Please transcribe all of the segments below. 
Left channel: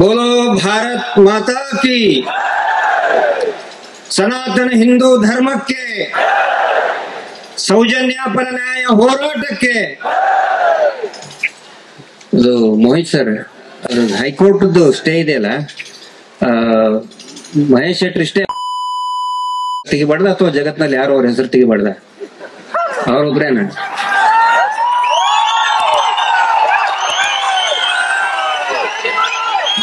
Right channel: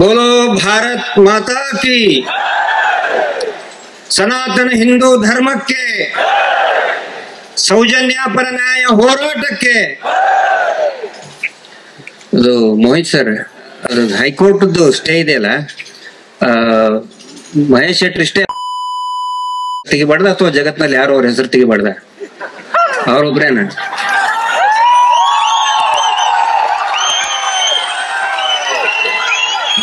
बोलो भारत माता की, ಸನಾತನ ಹಿಂದೂ ಧರ್ಮಕ್ಕೆ, ಸೌಜನ್ಯ ಪರ ನ್ಯಾಯ ಹೋರಾಟಕ್ಕೆ. ಅದು ಮೋಹಿತ್ ಸರ್, ಅದು ಹೈಕೋರ್ಟ್ ಸ್ಟೇ ಇದೆಯಲ್ಲ, ಮಹೇಶ್ ಶೆಟ್ಟಿ ಸ್ಟೇ ತೆಗಿಬಾರ್ದ ಅಥವಾ ಜಗತ್ನಲ್ಲಿ ಯಾರು ಅವ್ರ ಹೆಸರು ತೆಗಿಬಾರ್ದ? ಅವ್ರೊಬ್ರೇನ?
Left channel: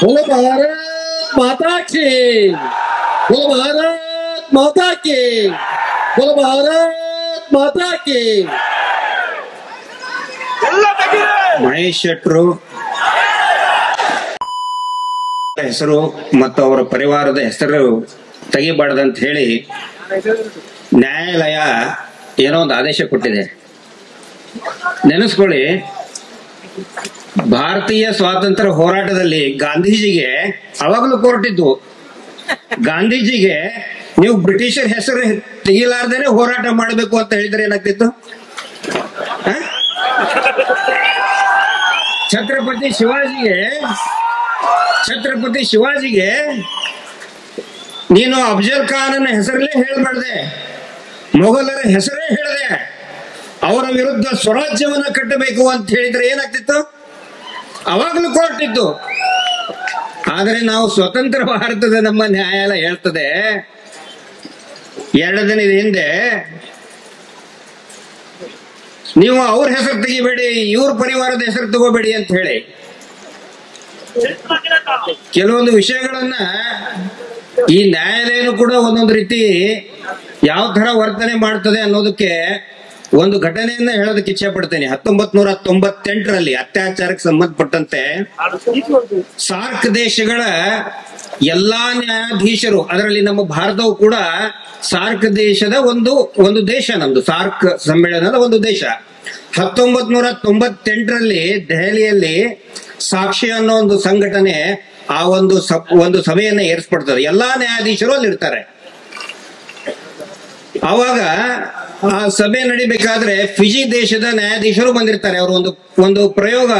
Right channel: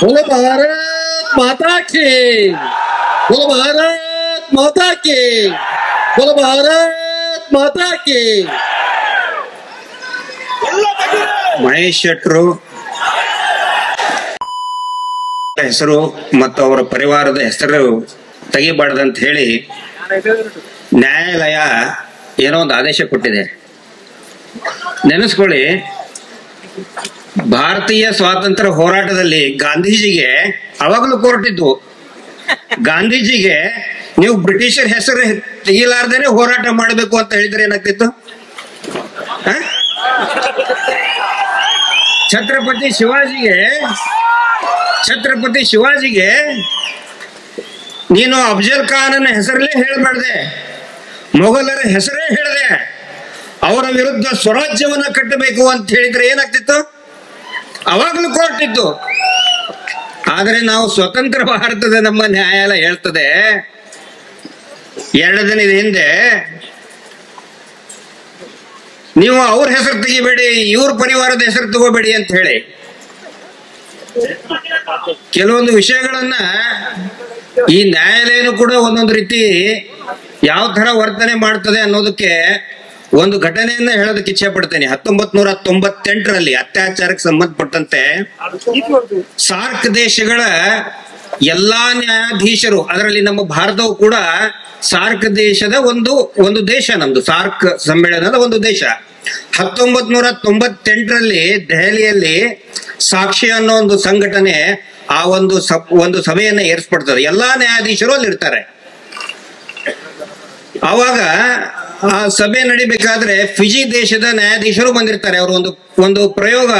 बोलो भारत माता की, बोलो भारत माता की, बोलो भारत माता की. ಮಹೇಶ್ ಶೆಟ್ರು ಹೆಸರು ಮತ್ತು ಅವರ ಪರಿವಾರದ ಹೆಸರು ತೆಗಿಬಾರ್ದಂತ ಹೇಳಿ ನ್ಯಾಯಾಲಯ ಏನೋ ಒಂದು ಆದೇಶ ಕೊಟ್ಟಿದೆ. ನೆನೆಸ್ಕೊಳ್ಳಿ, ಭಾರತೀಯ ಸ್ವಾತಂತ್ರ್ಯ ಹೋರಾಟದಲ್ಲಿ ಗಾಂಧೀಜಿಗೆ ಅವಾಗಲೂ ಕೋರ್ಟ್ ಇದ್ದು. ಗಾಂಧೀಜಿಗೆ ನೀವು ಬ್ರಿಟಿಷರ್ ಹೆಸರು ತೆಗಿಲಾರ್ದೇನೆ ಹೋರಾಟ ಮಾಡಬೇಕು ಅಂತ ಹೇಳಿದ್ರೆ ಏನಾಗ್ತಿತ್ತು? ಛತ್ರಪತಿ ಶಿವಾಜಿಗೆ ನೀನು ಅಫ್ಜಲ್ ಖಾನನ ಹೆಸರಲ್ಲೇ ಹೇಳಬಾರ್ದೆ, ಮೊಘಲರ ಹೆಸರೇ ಹೇಳಿದೆ, ಅವರ ವಿರುದ್ಧ ಸ್ವರಾಜ್ಯವನ್ನ ಕಟ್ಟಬೇಕು ಅಂತ ಹೇಳಿದ್ರೆ ಏನಾಗ್ತಿತ್ತು? ಅವಾಗಲೂ ಕೋರ್ಟ್ ಇತ್ತು. ಆದರೆ ನಾವು ಸ್ವತಂತ್ರ ಭಾರತದ ನಮ್ಮ ನ್ಯಾಯಾಲಯ ಹೇಳ್ತದೆ 2 ದಿನದ ಹಿಂದೆ, ನೀವು ಅವ್ರ ಹೆಸರು ತೆಗಿಬೇಡಿ, ಇವ್ರ ಪರಿವಾರದ ಹೆಸರು ತಗೋಬೇಡಿ ಅಂತ ಹೇಳಿ ಕೆಲವೊಂದು ವಿಷಯಗಳನ್ನ ಈ ನ್ಯಾಯಾಲಯನೂ ಕೂಡ ಒಂದೊಂದು ರೀತಿ ಯಾವ ತರ ವರ್ತನೆ ಮಾಡ್ತದೆ ಅನ್ನೋದಕ್ಕೆ ಒಂದು ಘಟನೆಯನ್ನ ಹೇಳೋದಕ್ಕೆ ಇಚ್ಛೆ ಪಡ್ತೇನೆ. 1998ರಲ್ಲಿ ಅತ್ಯಾಚಾರಕ್ಕೆ ಸಂಬಂಧಪಟ್ಟಂತೆ ಸಾರ್ಕ್ ದೇಶಗಳ ಎಲ್ಲಾ ನ್ಯಾಯಾಧೀಶರು, ಅದರಲ್ಲಿ ನಮ್ಮ ಭಾರತವು ಕೂಡ ಸಾರ್ಕ್ ದೇಶದ ಒಂದು ದೇಶ, ನಮ್ದು ಸಾರ್ಕ್ ಸಮ್ಮೇಳನದ ಒಂದು ದೇಶ. 1998ರಲ್ಲಿ ದೆಹಲಿಯಲ್ಲಿ ಸಾಕ್ಷಿ ಅನ್ನೋ ಒಂದು ಸಂಘಟನೆ ಆ ಒಂದು ಸಭೆಯನ್ನ ಏರ್ಪಡ್ತದೆ. ಎಲ್ಲಾ ನ್ಯಾಯಾಧೀಶರು ಅಲ್ಲಿ ಇರ್ತಾರೆ. ಅವಾಗ ಆ ಸಭೆ ನಡಿಬೇಕಾದ್ರೆ ಫಿಜಿ ದೇಶದ ನ್ಯಾಯಾಧೀಶರು ಬಂದಿರ್ತಾರೆ. ಅವರು ಒಂದು ಪ್ರಯೋಗ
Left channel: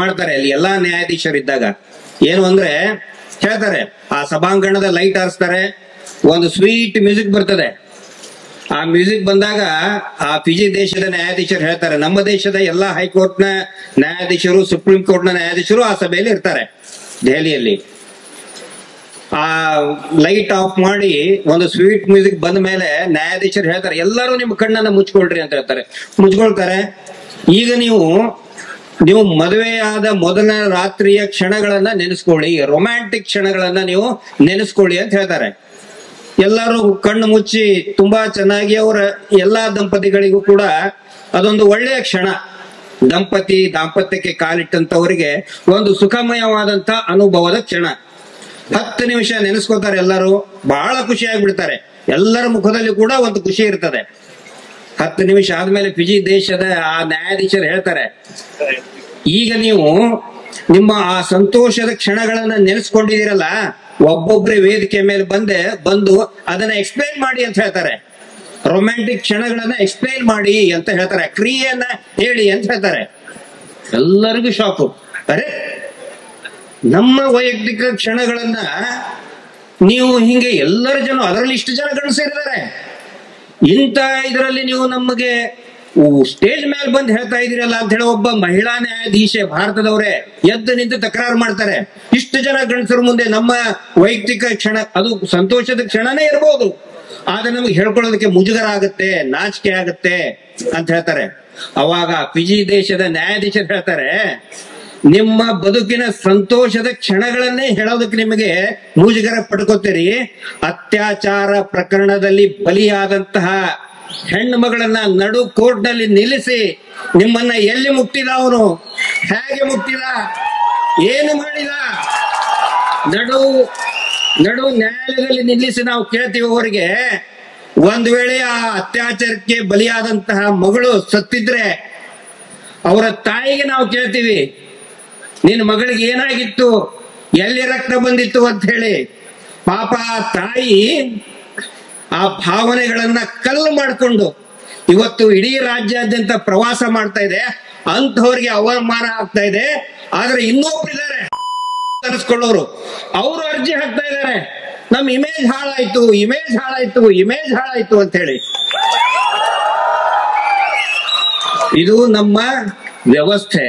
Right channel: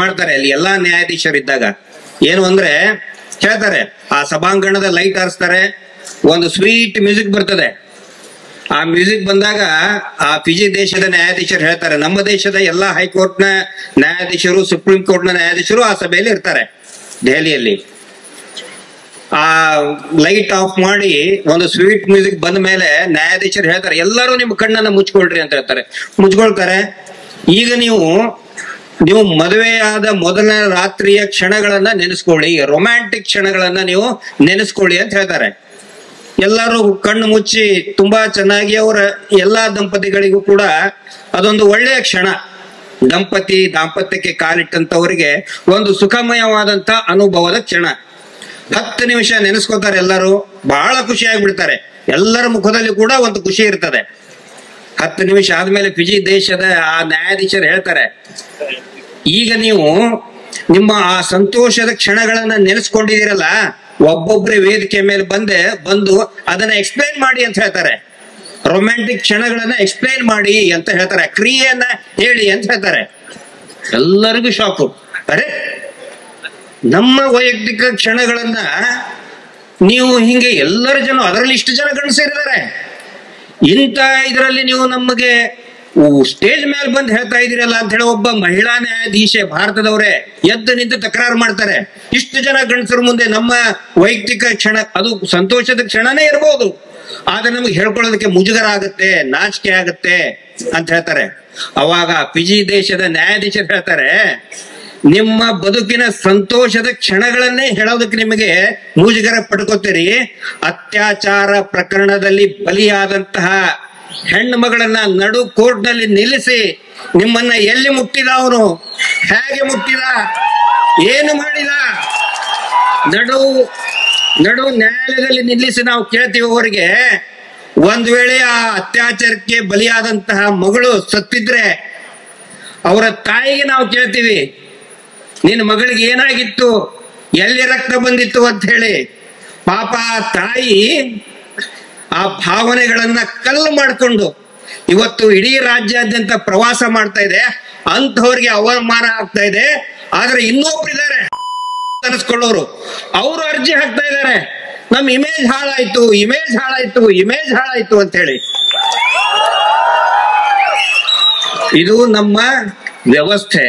ಮಾಡ್ತಾರೆ ಅಲ್ಲಿ ಎಲ್ಲಾ ನ್ಯಾಯಾಧೀಶರಿದ್ದಾಗ. ಏನು ಅಂದ್ರೆ ಹೇಳ್ತಾರೆ, ಆ ಸಭಾಂಗಣದ ಲೈಟ್ ಹಾರಿಸ್ತಾರೆ, ಒಂದು ಸ್ವೀಟ್ ಮ್ಯೂಸಿಕ್ ಬರ್ತದೆ. ಆ ಮ್ಯೂಸಿಕ್ ಬಂದಾಗ ಆ ಫಿಜಿ ದೇಶದ ನ್ಯಾಯಾಧೀಶರು ಹೇಳ್ತಾರೆ, ನಮ್ಮ ದೇಶದ ಎಲ್ಲಾ ಹೈಕೋರ್ಟ್ ನ ನ್ಯಾಯಾಧೀಶರು, ಸುಪ್ರೀಂ ಕೋರ್ಟ್ ನ ನ್ಯಾಯಾಧೀಶರು ಆ ಸಭೆಯಲ್ಲಿ ಇರ್ತಾರೆ ದೆಹಲಿಯಲ್ಲಿ. ಆ ಲೈಟ್ ಆಫ್ ಮಾಡಿ ಒಂದು ಸ್ವೀಟ್ ಮ್ಯೂಸಿಕ್ ಬಂದ ಮೇಲೆ ನ್ಯಾಯಾಧೀಶರು ಹೇಳ್ತಾರೆ, ಎಲ್ಲರೂ ನಿಮ್ಮ ಕಣ್ಣನ್ನ ಮುಚ್ಕೊಳ್ರಿ ಅಂತ ಹೇಳ್ತಾರೆ. ಮುಚ್ಕೊಳ್ತಾರೆ. ಈಗ ನೀವು ಮದುವೆಯಾದ ಮೊದಲ ರಾತ್ರಿಯ ಕ್ಷಣಗಳನ್ನ ನೆನೆಸ್ಕೊಳ್ಳಿ, ರೊಮ್ಯಾಂಟಿಕ್ ಕ್ಷಣಗಳನ್ನ ನೀವು ನೆನೆಸ್ಕೊಳ್ಳಿ ಅಂತ ಹೇಳ್ತಾರೆ. ಎಲ್ಲರೂ ಕಣ್ಣು ಮುಚ್ಚಿ ತುಂಬಾ ಚೆನ್ನಾಗಿ ಅವರ ಎಲ್ಲಾ ದಂಪತಿಗಳಿಗೂ ಕೂಡ ಅದೊಂದು ಒಳ್ಳೆಯ ಕ್ಷಣ. ದಾಂಪತ್ಯಕ್ಕೆ ಕಾಲಿಟ್ಟಂತವರಿಗೆ ಒಂದು ಸುಖಮಯವಾದಂತ ಅನುಭವದ ಕ್ಷಣ. 10 ನಿಮಿಷ ನೆನೆಸ್ಕೋತಾರೆ, ಎಲ್ಲರೂ ಬಹಳ ಖುಷಿ ಆಗ್ಬಿಡ್ತಾರೆ. ಎಲ್ಲರ ಮುಖದಲ್ಲಿ ಕೂಡ ಒಂದು ಖುಷಿ ಇರ್ತದೆ. 10 ನಿಮಿಷ ಆದ್ಮೇಲೆ ಫಿಜಿ ದೇಶದ ಆ ನ್ಯಾಯಾಧೀಶರು ಹೇಳ್ತಾರೆ, ಈಗ ನೀವು ನಿಮ್ಮ ಆ ಸಂತೋಷದ ಕ್ಷಣಗಳನ್ನ ನೆನೆಸ್ಕೊಂಡಿದ್ದೀರಲ್ಲ, ಒಬ್ಬೊಬ್ಬರೇ ವೇದಿಕೆ ಮೇಲೆ ಬಂದು ಅದನ್ನ ಎಕ್ಸ್ಪ್ಲೈನ್ ಮಾಡಿ ಅಂತ ಹೇಳ್ತಾರೆ. ರೊಮ್ಯಾಂಟಿಕ್ ಕ್ಷಣಗಳನ್ನ ಎಕ್ಸ್ಪ್ಲೈನ್ ಮಾಡಿ ಅಂತ ಹೇಳ್ತಾರೆ, ಕ್ರಿಯೆಯನ್ನ ಹೇಳಿ ಅಂತ ಹೇಳ್ತಾರೆ. ಎಲ್ಲರಿಗೂ ಶಾಕು. ಅರೆ, ನಮ್ಮ ವೈಯಕ್ತಿಕ ಕ್ಷಣಗಳನ್ನ ನೀವು ಹಿಂಗೆ ಎಲ್ಲರ ಜನ, ಅದರಲ್ಲಿ ಇಷ್ಟು ಜನ ಗಂಡಸರಿದ್ದಾರೆ, ಇಂಥ ಇದರಲ್ಲಿ ನೀವು ನಮಗೆ ಸ್ಟೇಜ್ ಮೇಲೆ ಬಂದು ಹೇಳ್ತಾ ಇದೀರಲ್ಲ ಅಂತ ಹೇಳಿ ಒಬ್ಬ ಮಹಿಳಾ ನ್ಯಾಯಾಧೀಶೆ ಭಾರತದವರೇ ಎದ್ದು ನಿಂತು ತಕರಾರು ಮಾಡ್ತಾರೆ. ಇಷ್ಟು ಜನ ಗಂಡಸರ ಮುಂದೆ ನಮ್ಮ ವೈಯಕ್ತಿಕ ಕ್ಷಣ, ಅದು ಸಂತೋಷದ ಕ್ಷಣನೇ ಇರಬಹುದು, ಆದ್ರೆ ನಮಗೆ ಹೇಳ್ಕೊಳ್ಳೋದಕ್ಕೆ ಮುಜುಗರ ಆಗುತ್ತೆ, ನಾಚಿಕೆ ಆಗುತ್ತೆ ಅಂತ ಹೇಳ್ತಾರೆ. ಅವಾಗ ಫಿಜಿ ದೇಶದ ನ್ಯಾಯಾಧೀಶರು ಹೇಳ್ತಾರೆ, ನಿಮ್ಮ ಬದುಕಿನ ಸಂತೋಷದ ಕ್ಷಣಗಳನ್ನೇ ಹೇಳೋದಕ್ಕೆ ನಿಮಗೆ ಮುಜುಗರ ಪಡ್ಕೋತೀರಿ. ಅತ್ಯಾಚಾರ ಪ್ರಕರಣದಲ್ಲಿ ಬಲಿಯಾದಂತಹ ಹೆಣ್ಣು ಮಗಳನ್ನ ನಡು ಕೋರ್ಟ್ ನಲ್ಲಿ ನಿಲ್ಲಿಸಿ ನಿಮ್ಮನ್ನ ಎಲ್ಲಿ ಮುಟ್ಟಿದ, ಅವನು ಹೇಗೆ ಮುಟ್ಟಿದ, ಏನು ಮಾಡಿದ, ನಡು ನ್ಯಾಯಾಲಯದಲ್ಲಿ ನಿಲ್ಲಿಸಿ ನಾವು ಕೇಳ್ತೀವಿ ಅವರಿಗೆ. ಒಂದ್ ವೇಳೆ ಆ ಅತ್ಯಾಚಾರಕ್ಕೆ ಬಲಿಯಾದಂತಹ ಮಗಳು ಸತ್ತಿದ್ರೆ ಅವರ ತಾಯಿಗೆ ನಾವು ಕೇಳ್ತೀವಿ, ನಿನ್ನ ಮಗಳಿಗೆ ಏನಾಗಿತ್ತು, ಎಲ್ಲಿ ರಕ್ತ ಬಂದಿತ್ತು ಅಂತ ಹೇಳಿ. ಪಾಪ ಆ ತಾಯಿ ಆ ಭಾವನೆಗಳನ್ನ ಕಲ್ಲು ಮಾಡಿಕೊಂಡು ಇವತ್ತು ಇಡೀ ರಾಜ್ಯಾದ್ಯಂತ ಪ್ರವಾಸ ಮಾಡ್ತಾ ಇದೆ, ಅಂಥವ್ರಿಗೆ ಅವಮಾನ ಆಗ್ತಾ ಇದೆ. ಆದ್ರೆ ಇನ್ನೊಬ್ರಿದ್ದಾರೆ ಅನಿಸ್ಕೊಳ್ಳೋರು, ಅವರು ಅರ್ಜಿ ಹಾಕ್ತಾ ಇದ್ದಾರೆ, ನಮ್ ಇಮೇಜ್ ಹಾಳಾಯ್ತು, ಇಮೇಜ್ ಹಾಳಾಯ್ತು, ಇಮೇಜ್ ಹಾಳಾಯ್ತು ಅಂತ ಹೇಳಿ. ಇದು ನಮ್ಮ ವ್ಯವಸ್ಥೆ,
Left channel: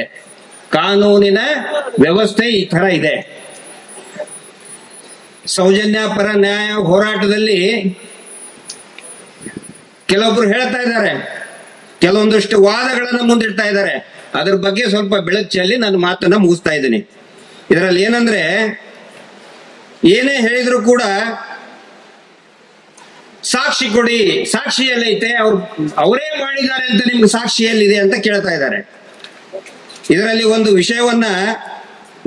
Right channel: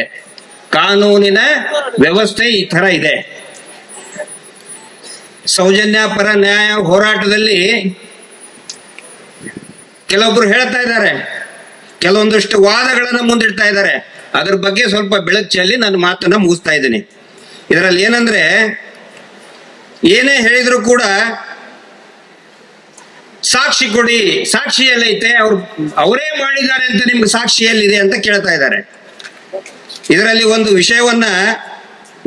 ಕಾನೂನಿನ ವ್ಯವಸ್ಥೆ ಈ ತರ ಇದೆ. ಸೌಜನ್ಯ ಪರ ನ್ಯಾಯ ಹೋರಾಟದಲ್ಲಿ ಕೆಲವೊಬ್ರು ಹೇಳ್ತಾ ಇದ್ದಾರೆ, ಕೆಲವೊಂದಷ್ಟು ವಾದಗಳನ್ನ ಮುಂದಿಡ್ತಾ ಇದ್ದಾರೆ. ಅದ್ರ ಬಗ್ಗೆ ಸ್ವಲ್ಪ ಬೆಳಕು ಚೆಲ್ಲಿ ನನ್ನ ಮಾತನ್ನ ಮುಗಿಸ್ತಾ ಇದ್ದೀನಿ. ಇದರಲ್ಲಿ ಏನಂದ್ರೆ, ಏನೇ ಹೇಳಿದ್ರು ಕೂಡ ಸಾಕ್ಷಿ ಕೊಡಿ, ಸಾಕ್ಷಿ ಎಲ್ಲೈತೆ, ಅವರೇ ಮಾಡಿದ್ದಾರೆ ಅಂತ ನಿಮ್ಗೆ ಸಾಕ್ಷಿ ಎಲ್ಲಿದೆ ಅಂತ ಕೇಳ್ತಾ ಇದ್ದಾರೆ. ಇದರಲ್ಲಿ ಒಂದು ವಿಷಯವನ್ನ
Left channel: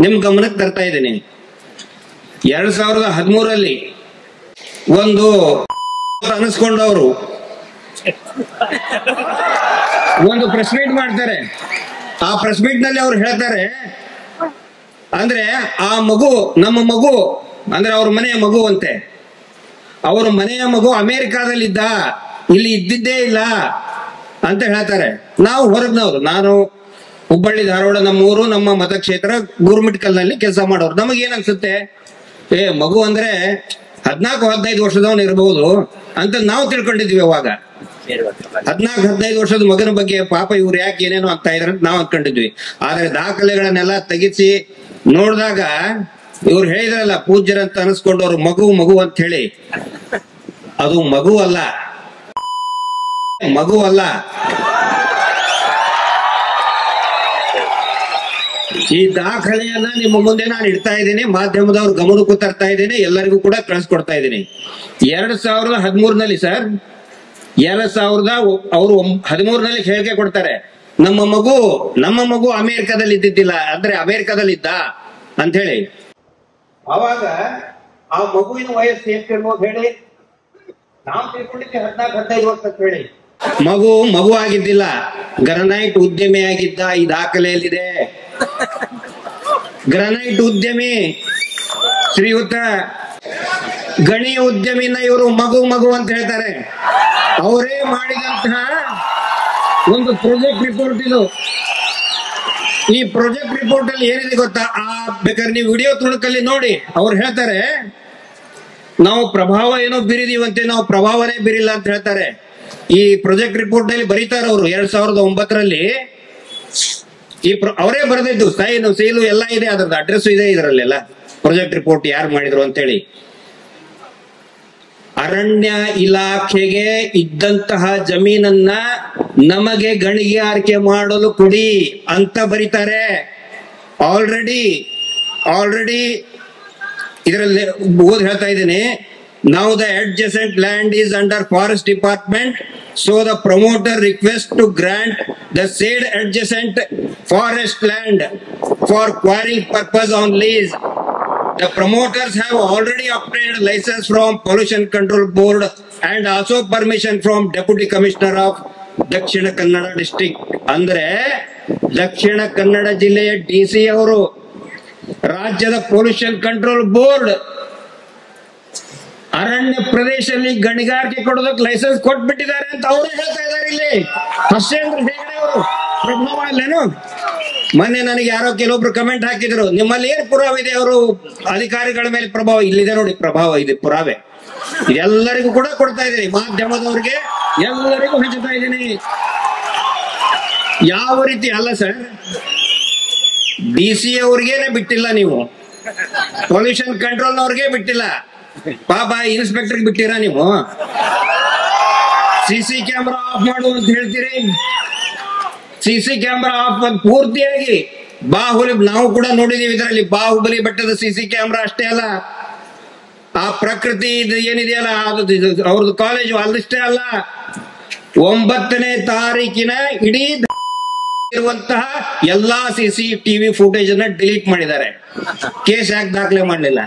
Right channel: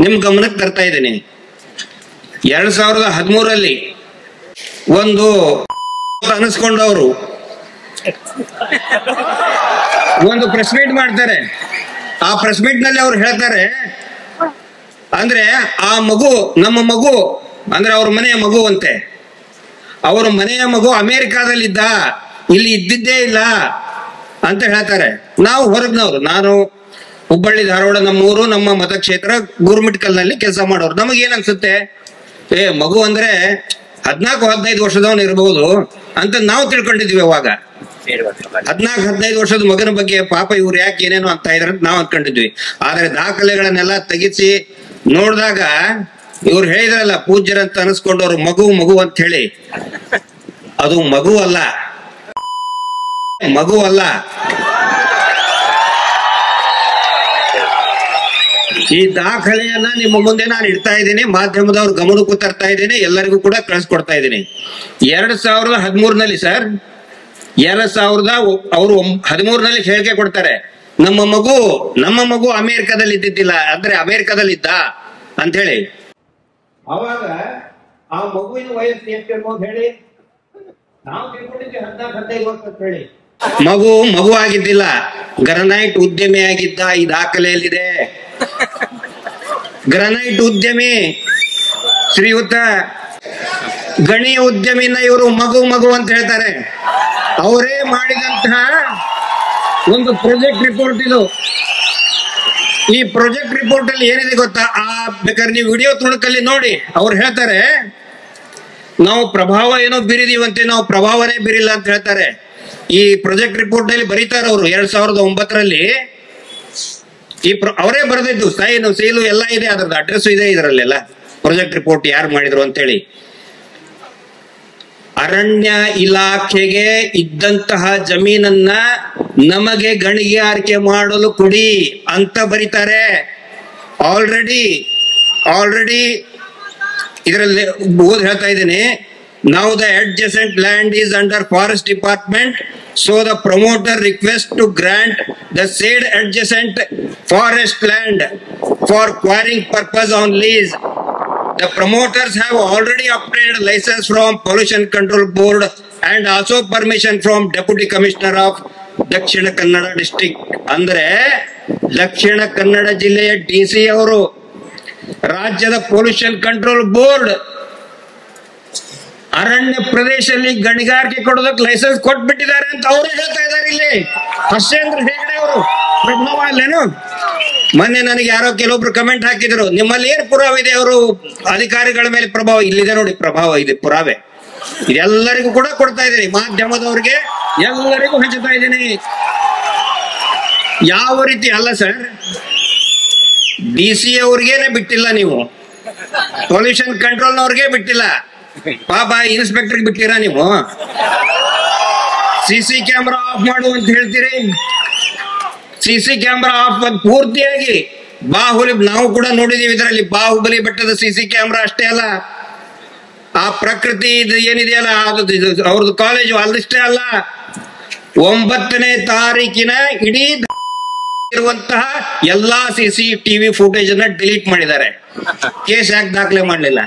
ನಿಮ್ ಗಮನಕ್ಕೆ ತರ್ತಾ ಇದ್ದೀನಿ. 2013 ಒಂದು ಅನಿಸ್ಕೊಂಡವರು ಒಂದು ಪ್ರೆಸ್ ಮೀಟ್ ಮಾಡ್ತಾರೆ. ಆ ಪ್ರೆಸ್ ಮೀಟ್ ನಲ್ಲಿ ಅವ್ರು ಹೇಳ್ತಾರೆ, ಅಂದ್ರೆ ಆ ಮಗು ನಮ್ಮ ಮಗು ಅಂದ್ರೆ ಅವ್ರ ಮನೆಯ ಮಗು ಅಂತೆ, ಅವ್ರ ಮನೆಯ ಮಗು ಅಮೆರಿಕಾದಲ್ಲಿದ್ದ, ಇಲ್ಲಿ ಇದ್ದಿದ್ದೇ ಇಲ್ಲ ಅಂತ ಹೇಳ್ತಾರೆ. ನಾವು ಹೊರಗ್ನವ್ರು, ನಾನು ಹುಬ್ಬಳ್ಳಿ ಧಾರವಾಡ ನಮ್ಮೂರು, ನಮ್ಮ ಮತಕ್ಷೇತ್ರ ಗುರುಮಿಟ್ಕಲ್ ನಲ್ಲಿ ಕೆಲಸ ಮಾಡೋರು. ನಮಗೇನ್ ಅನ್ಸುತ್ತೆ, ಮಗು ಅಂದ್ರೆ 14-15 ವರ್ಷದವನು ಇರಬಹುದು ಅಂತ ನಾವು ತಿಳ್ಕೊಂಡಿದ್ವಿ. ಅವಾಗ 14-15 ವರ್ಷದ ಮಗನ ಬಗ್ಗೆ ಪಾಪ ಇವ್ರು ಯಾಕೆ ಏನೇನೋ ಅಂತ ಇದ್ರ ಅಂತ ನಾವು ಅನ್ಕೊಂಡಿದ್ವಿ. ಆದ್ರೆ ದಾಖಲೆಗಳನ್ನೆಲ್ಲ ತೆಗಿಸಿ ನೋಡಿದಾಗ ಇವ್ರು ಹೇಳಿದ್ರಲ್ಲ, ಪೂಜ್ಯರಂತ ಅನಿಸ್ಕೊಂಡವ್ರು ಮಗು ಮಗು ಅಂತ ಹೇಳಿ, ಅದು ಮಗು ಅಲ್ಲ, ಮಗು ಅಲ್ಲ. ಈ ದಾಖಲೆಯನ್ನ ನಿಮ್ಮ ಮುಂದೆ ನಾನು ಇಡ್ತಾ ಇದ್ದೀನಿ, ಮಾಧ್ಯಮದವ್ರ ಗಮನಕ್ಕೂ ತರ್ತಾ ಇದ್ದೀನಿ, ಎಲ್ಲರಿಗೂ ಕೂಡ ಕಳಿಸ್ಕೊಡ್ತಾ ಇದ್ದೀನಿ. 2013 ಸರ್, 2013 ಹೇಳಿಕೆ ಕೊಡ್ತಾರೆ, ನಮ್ಮ ಮಗು ಅಮೆರಿಕದಲ್ಲಿ ಇದ್ದಿದ್ದಿಲ್ಲ, ಅಂದ್ರೆ ಅಮೆರಿಕದಲ್ಲಿ ಇದ್ದ ಅಂತ ಹೇಳಿ. ಅವಾಗ ಆ ಮಗುವಿನ ವಯಸ್ಸು ಎಷ್ಟಿರ್ಬೋದು ಹೇಳಿ? ನಾವು ತಿಳ್ಕೊಂಡಿದ್ದೆ 14-15 ವರ್ಷ ಅಂತ ಹೇಳಿ. ಮಗು ಆಗಿದ್ದಿಲ್ಲ, ಗ್ರನೈಟ್ ಉದ್ಯಮಿ ಆಗಿದ್ದ. ಈ ದಾಖಲೆಯಲ್ಲಿದೆ. ಗ್ರನೈಟ್ ಉದ್ಯಮಿ ಶ್ರೀಯುತ ಗಣಿ ಉದ್ಯಮಿನ ಇವರು ಮಗು ಅಂತ ಹೇಳ್ತಾರೆ. ಅವರೇ ಮಾಡಿದಂತಹ ಒಂದು ಪ್ರಾಜೆಕ್ಟ್ ರಿಪೋರ್ಟ್ ಇದು. ಈ ಪ್ರಾಜೆಕ್ಟ್ ರಿಪೋರ್ಟ್ ಅಲ್ಲಿ ಏನಿದೆ ಗೊತ್ತಾ? ಬೇಕಾದ್ರೆ ನೀವು ವಿಡಿಯೋ ತುಣುಕಲ್ಲಿ ನೋಡಿ. ಅವ್ರು ಹೇಳ್ತಾರೆ, ನಾವು ಪ್ರಭಾವ ಏನೋ ಬೀರಿದೀವಂತೆ, ನಾವು ಪ್ರಭಾವನೇ ಬೀರಿಲ್ಲ ಅಂತ ಹೇಳ್ತಾರೆ. ಈ ಪ್ರಾಜೆಕ್ಟ್ ರಿಪೋರ್ಟ್ ನಲ್ಲಿ ಬರೀತಾರೆ ಅವರು 2009 ಅವರೇ ಬರೆದಿದ್ದು, ಸೈಲು ಎಲ್ಲ ಇದೆ, ಅದ್ರದ್ದು ಅಡ್ರೆಸ್ ಇದೆ ಇದರಲ್ಲೆಲ್ಲ, ಪ್ರಾಜೆಕ್ಟ್ ರಿಪೋರ್ಟ್ ಯಾರು ಮಾಡಿದ್ರು ಅಂತೇಳಿ. ಅರಣ್ಯ ಇಲಾಖೆಗೆ ಇದ್ದಂತಹ ಜಮೀನನ್ನ ನಮಗೆ ಗಣಿಗಾರಿಕೆ ಮಾಡಲು ಕೊಡಿ ಅಂತ ಬರೀತಾರೆ. ಆಲ್ರೆಡಿ ಇದರಲ್ಲಿ ಹೇಳ್ತಾ ಇದ್ದೀನಿ. Now the adjacent land is under forest department, so the promoter requests to grant the said adjacent forest land for quarrying purpose on lease. The promoters have already obtained license from Pollution Control Board and also permission from Deputy Commissioner of Dakshina Kannada district. ಅಂದ್ರೆ ದಕ್ಷಿಣ ಕನ್ನಡ ಜಿಲ್ಲೆಯ DC ಅವರು ರಾಜ್ಯದ pollution control board ಅರಣ್ಯ ಪ್ರದೇಶದಲ್ಲಿ ಗಣಿಗಾರಿಕೆ ಕೊಡೋದಕ್ಕೆ licence ಕೊಟ್ಬಿಟ್ಟಿದ್ದಾರೆ ಅಂತ ಅವರೇ ಹೇಳ್ತಾ ಇದ್ದಾರೆ. ಇಲ್ಲಿ ಹರ್ಷೇಂದ್ರ ಹೆಗಡೆ ಅವರು ಪ್ರಭಾವ ಅಲ್ಲೇನು? ಮೊನ್ನೆ ನನಗೆ ಯಾರೋ ಕೆಲವೊಬ್ರು ಕಮೆಂಟ್ ಹಾಕಿದ್ರು, ನಿಮ್ಮಲ್ಲಿ ಏನ್ ಪುರಾವೆ ಇದೆ ಅವರು ಅಧಿಕಾರಿಗಳ ಮೇಲೆ ಪ್ರಭಾವ? ಇಲ್ಲಿದೆ ನೋಡಿ ಪ್ರಭಾವ, ಇದೆ ಪುರಾವೆ. ಇದೆಲ್ಲರಿಗೂ ಕೂಡ ಕೊಡ್ತಾ ಇದ್ದೀನಿ, ಮಾಧ್ಯಮದವ್ರಿಗೆ ಎಲ್ಲರಿಗೂ ಹಂಚುತ್ತಾ ಇದ್ದೀನಿ. ಯಾವ ರೀತಿ ಅಲ್ಲ ಸರ್, DC ಅವ್ರಿಗೇನೆ ಬಿಟ್ಟಿಲ್ಲ, ನೀವು ಪೊಲ್ಯೂಷನ್ ಕಂಟ್ರೋಲ್ನವ್ರಿಗೆ ಬಿಟ್ಟಿಲ್ಲ, ಪಾಪ ಇನ್ಸ್ಪೆಕ್ಟರ್ಗೆ ಬಿಟ್ಟಿರಾ ನೀವು? CC ಕ್ಯಾಮ್ರಾ ಆಫ್ ಮಾಡು ಅಂತ ಹೇಳ್ತೀರಿ. CC ಕ್ಯಾಮ್ರಾ ಆಫ್ ಪೂರ್ತಿಯಾಗಿ ಬಾಹುಬಲಿ ನಾವು ಕೂಡ ನೋಡಿದೀವಿ. ಇದರಲ್ಲಿ ಬಾಹುಬಲಿ ಬೆಟ್ಟದ CC ಕ್ಯಾಮ್ರಾ ಅಷ್ಟೇ ಅಲ್ಲ, ಆ ಪ್ರಕೃತಿ ಏನಿದೆಯಲ್ಲ ಅವ್ರದ್ದು ಕಾಲೇಜು ಅಲ್ಲಷ್ಟೇ ಅಲ್ಲ, 9ನೇ ತಾರೀಕಿನ ಇಡೀ ಇರುವಂತಹ ಎಲ್ಲಾ CCTV ಫುಟೇಜ್ ಅನ್ನ ಡಿಲೀಟ್ ಮಾಡಿದ್ದಾರೆ. ಕೇಸ್ ಯಾಕೆ ದಾಖಲೆ ಮಾಡಲಿಲ್ಲ?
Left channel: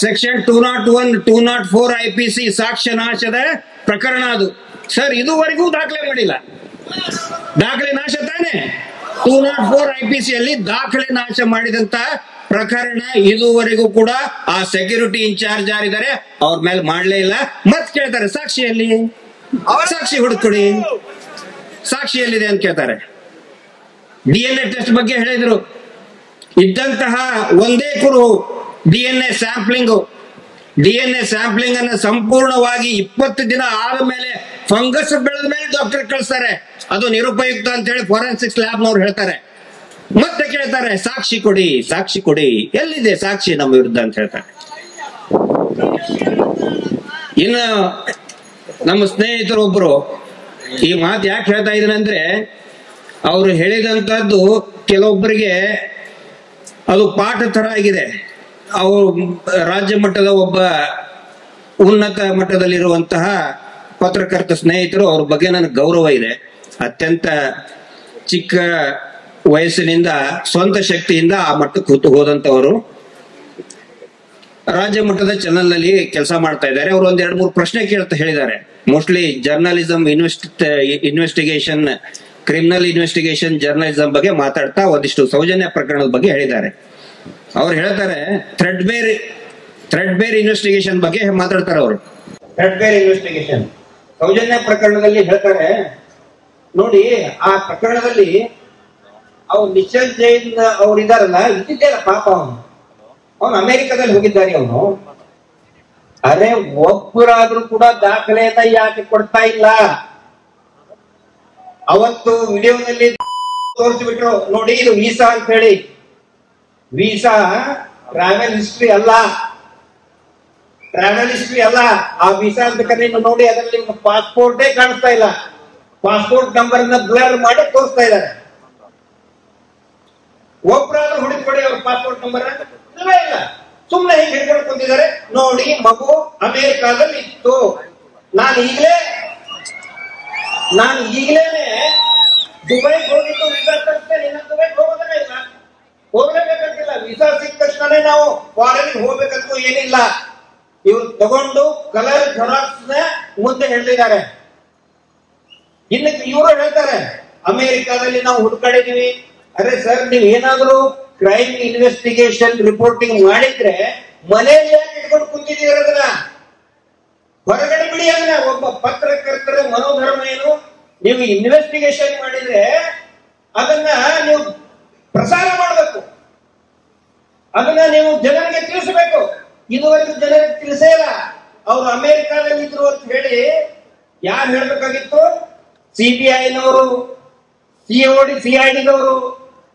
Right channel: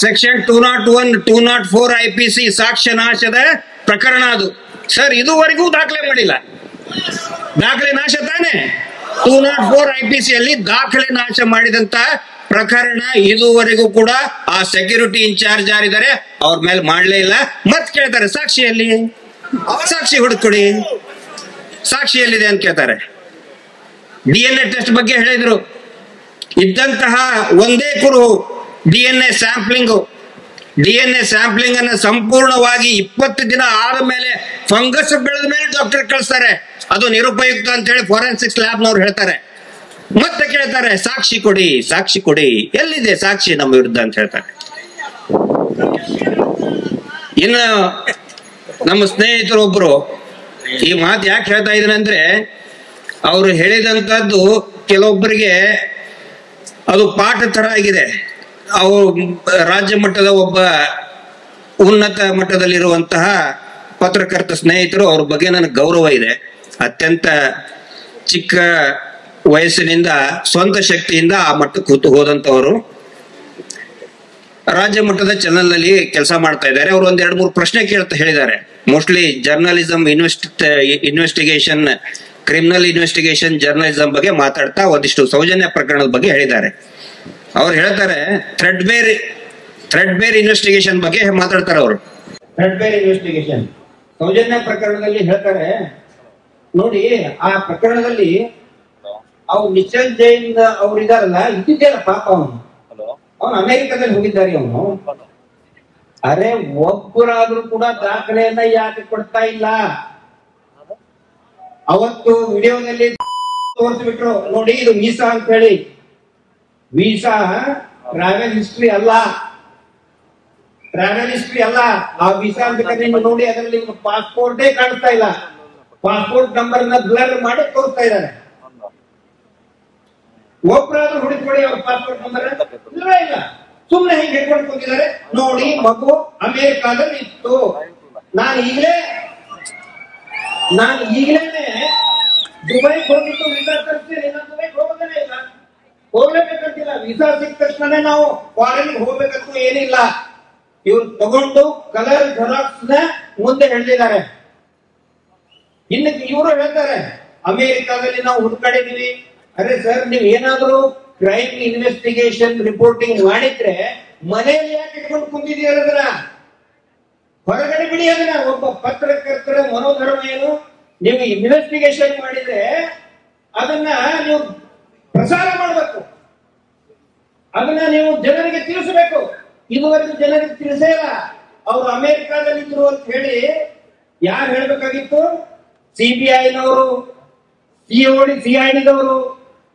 ಸೆಕ್ಷನ್ 201, 204 IPC ಸಾಕ್ಷ್ಯ ನಾಶದ ಪ್ರಕರಣ ಅದು ಸರ್. ಇದುವರೆಗೂ ದಾಖಲೆ ಮಾಡಿಲ್ಲ. ದಾಖಲೆ ನಾಶ ತಾನೆ. 204 IPC ಅಲ್ಲಿ ದಾಖಲೆ ನಾಶ ಮಾಡಿದಂತ ಪ್ರಕರಣ ಇದುವರೆಗೂ ಕೂಡ ಆ ಸೆಕ್ಯೂರಿಟಿ ಇನ್ಚಾರ್ಜ್ ಯಾರಿದ್ದಾರೆ ಅವ್ರ ಮೇಲೆ ಮಾಡ್ಲೇ ಇಲ್ಲ. ಮತ್ ಕೇಳ್ತಾರೆ ಸಾಕ್ಷಿಯಲ್ಲಿ ಸಾಕ್ಷಿ ಹುಡುಕೊಡಿ. ಸಾಕ್ಷಿ ಎಲ್ಲಿದೆ ಅಂತ ಕೇಳ್ತಾರೆ. DNA ಟೆಸ್ಟ್ ಬಗ್ಗೆ ಹೇಳಿದ್ರು. ಇದ್ದಂತಹ ಒಂದೇ ಕುರು DNA ಸ್ಯಾಂಪ್ಲಿಂಗ್ ಅನ್ನು ಸಂಪೂರ್ಣವಾಗಿ 20 ದಿನ ಆದ ಮೇಲೆ ಫಂಗಸ್ ಬೆಳೆದ ಮೇಲೆ ಡಾಕ್ಟರ್ ಕಳಿಸ್ತಾರೆ. ಅದು ನಿರುಪಯುಕ್ತ ಅಂತ ಹೇಳಿ ಫೋರೆನ್ಸಿಕ್ಸ್ ಲ್ಯಾಬ್ನವ್ರು ಹೇಳ್ತಾರೆ. ಮತ್ತೆ ಕೇಳ್ತಾರೆ ಸಾಕ್ಷಿ ಕೊಡಿ, ಎಲ್ಲಿದೆ ಸಾಕ್ಷಿ ನಮ್ಮ ವಿರುದ್ಧ ಅಂತ ಹೇಳ್ತಾರೆ. ಇನ್ನು ನಮ್ಮ ಸ್ನೇಹಿತರೊಬ್ರು ಈ ಮಾತು ಯಾಕೆ ಹೇಳ್ತಾ ಇದ್ದೀನಿ ಅಂದ್ರೆ, ಅವರು ಹೇಳಿದಂತದ್ದು ಕೆಲವೊಬ್ಬರಿಗೆ ಅದು ಪಾಠ ತರ ಆಗಿದೆ. ಅವರು ರಾಜ್ಯ ಮಟ್ಟದ ಒಬ್ಬ ಉನ್ನತ ಮಟ್ಟದಲ್ಲಿರುವಂತಹ ಪತ್ರಕರ್ತ ಸ್ನೇಹಿತರು, ಅವ್ರ ಬಗ್ಗೆ ನನಗೆ ಗೌರವ ಇದೆ. ಅತ್ಯಂತ ಚಿಕ್ಕ ವಯಸ್ಸಿನಿಂದ ಸ್ವಂತ ಶಕ್ತಿಯಿಂದ ಆ ಮಟ್ಟಕ್ಕೆ ಹೋದಂತವರು ರಾಜ್ಯ ಮಟ್ಟದ ಚಾನೆಲ್ ನಲ್ಲಿ ಕೆಲಸ ಮಾಡ್ತಾ ಇದ್ದಾರೆ. ಅವರು ಒಂದ್ 2-3 ಪ್ರಶ್ನೆ ಹೇಳಿದ್ದಾರೆ. Mostly journalism investigation, criminal investigation journalism ಬಗ್ಗೆ ಮಾತಾಡ್ತಾ ಒಂದಿಷ್ಟು ಸೌಜನ್ಯ ಪ್ರಕರಣದ ಬಗ್ಗೆ ಹೇಳಿದ್ದಾರೆ. ಅವ್ರು ಹೇಳ್ತಾರೆ ಥ್ರೆಡ್ ಬೇರ್ ಇನ್ವೆಸ್ಟಿಗೇಷನ್ ಬಗ್ಗೆ ಮಾತಾಡ್ತಾರೆ. ಅವರು ಥ್ರೆಡ್ ಬೇರ್ ಇನ್ವೆಸ್ಟಿಗೇಷನ್ ಸೌಜನ್ಯ ಪ್ರಕರಣದಲ್ಲಿ ಹೇಳ್ತಾರೆ ನೋಡಿ, ಆ ಪ್ರಕರಣದಲ್ಲಿ ಅವ್ರು ನಿಶ್ಚಲ್ ಜೈನ್ ಅವ್ರು ಇದಾರಲ್ಲ, ಇದ್ದಿದ್ದೆಲ್ಲ ಪಾಪ ಅವನು ಅಮೆರಿಕದಲ್ಲಿ ಹೋಗಿದ್ದಾರೆ. ಅವನು ಅರೆ ಒಬ್ಬರಾದ್ರೂ ಕೂಡ ದಾಖಲೆಯನ್ನ ಯಾಕೆ ಕೊಡ್ತಾ ಇಲ್ಲ? ಅವತ್ತು ವಿಡಿಯೋದಲ್ಲಿ ತೋರಿಸ್ಬಿಟ್ರು ನೋಡಿ, ಇದು ವೀಸಾ ಅಂತ ಹೇಳಿ. ವೀಸಾ ಟ್ರಾವೆಲ್ ಹಿಸ್ಟ್ರಿ ಅಲ್ಲ. ಆ ವೀಸಾ ಬೇಕಾದ್ರೆ ನೀವು ನೋಡಿ, ಅದರಲ್ಲಿ ಪಾಸ್ಪೋರ್ಟೇ ಕಾಣಿಸ್ತಾ ಇಲ್ಲ. ಪಾಸ್ಪೋರ್ಟ್ ನಂಬರ್ ಬ್ಲರ್ ಮಾಡಿ ತೋರಿಸ್ತಾ ಇದ್ದಾರೆ. ಒಬ್ಬರಾದ್ರೂ ಹುಡುಕ್ಬೇಡಿ ಅವ್ರ ಪಾಸ್ಪೋರ್ಟ್ ನಂಬರ್ ಇಲ್ಲ. ಸುಮ್ಮನೆ ಹೀಗೆ ಹೇಳ್ಕೊಂಡು ಬಂದಿದ್ದಾರೆ ನೋಡಿ, ಮಗು ಅಮೆರಿಕಾದಲ್ಲಿ ಇತ್ತು. ನಾನು ಈಗಲೇ ದುಬೈಗೆ ಹೋಗಿದ್ದು ವೀಸಾ ತರಿಸ್ತೇನೆ. ದುಬೈಗೆ ಹೋಗೋದೇ ಇಲ್ಲ, ಹೋಗ್ಲೇಬೇಕಂತಿಲ್ಲ. ವೀಸಾ ಸಿಕ್ಕ ತಕ್ಷಣ ನಾವು ಫಾರಿನ್ ಹೋಗ್ಬೇಕಂತ ಏನಿಲ್ಲ. ಇವ್ರು ತಗೊಂಡು ಕಲರ್ ಜೆರಾಕ್ಸ್ ಮುಂದೆ ಹೇಳ್ತಿದ್ದಾರೆ. ಇನ್ನು ಇವರು ಹೇಳ್ತಾರೆ ಅಮೆರಿಕಾದಲ್ಲಿ ನಾವು ಹುಡುಕಾಡಿದೀವಿ. ಅರೆ ಸರ್, ನೀವ್ ಏನಾದ್ರು ಕ್ರೈಮ್ ಇನ್ವೆಸ್ಟಿಗೇಷನ್ ರಿಪೋರ್ಟಿಂಗ್ ಮಾಡಿದ್ರೆ ಮನೆಯಲ್ಲಿ ಯಾಕೆ ಇಟ್ಕೊಂಡು ಕುಂತಿದ್ದೀರ? ಅದನ್ನ ಹೊರಗಡೆ ಬಿಡಿ. ಅದನ್ನ ಒಬ್ಬ ಪತ್ರಕರ್ತರ ಮನೋಧರ್ಮ ಏನು? ನೀವು ಇನ್ವೆಸ್ಟಿಗೇಷನ್ ಮಾಡಿದ್ರೆ ಅದನ್ನ ನೀವು ಪ್ರಸಾರ ಮಾಡಬೇಕು, ಅದನ್ನ ನೀವು ಜನರಿಗೆ ತಿಳಿಸಬೇಕು. ಇದುವರೆಗೂ ಜನರಿಗೆ ತಿಳಿಸೇ ಇಲ್ಲ. ಅವ್ರು ಅಮೆರಿಕಾದಲ್ಲಿ ಇದ್ರು ಅಂತ ಹೇಳಿ ಯಾರು ಹೇಳ್ಬೇಕಾಗಿತ್ತು? CBI-ನವರು, CID-ದವರು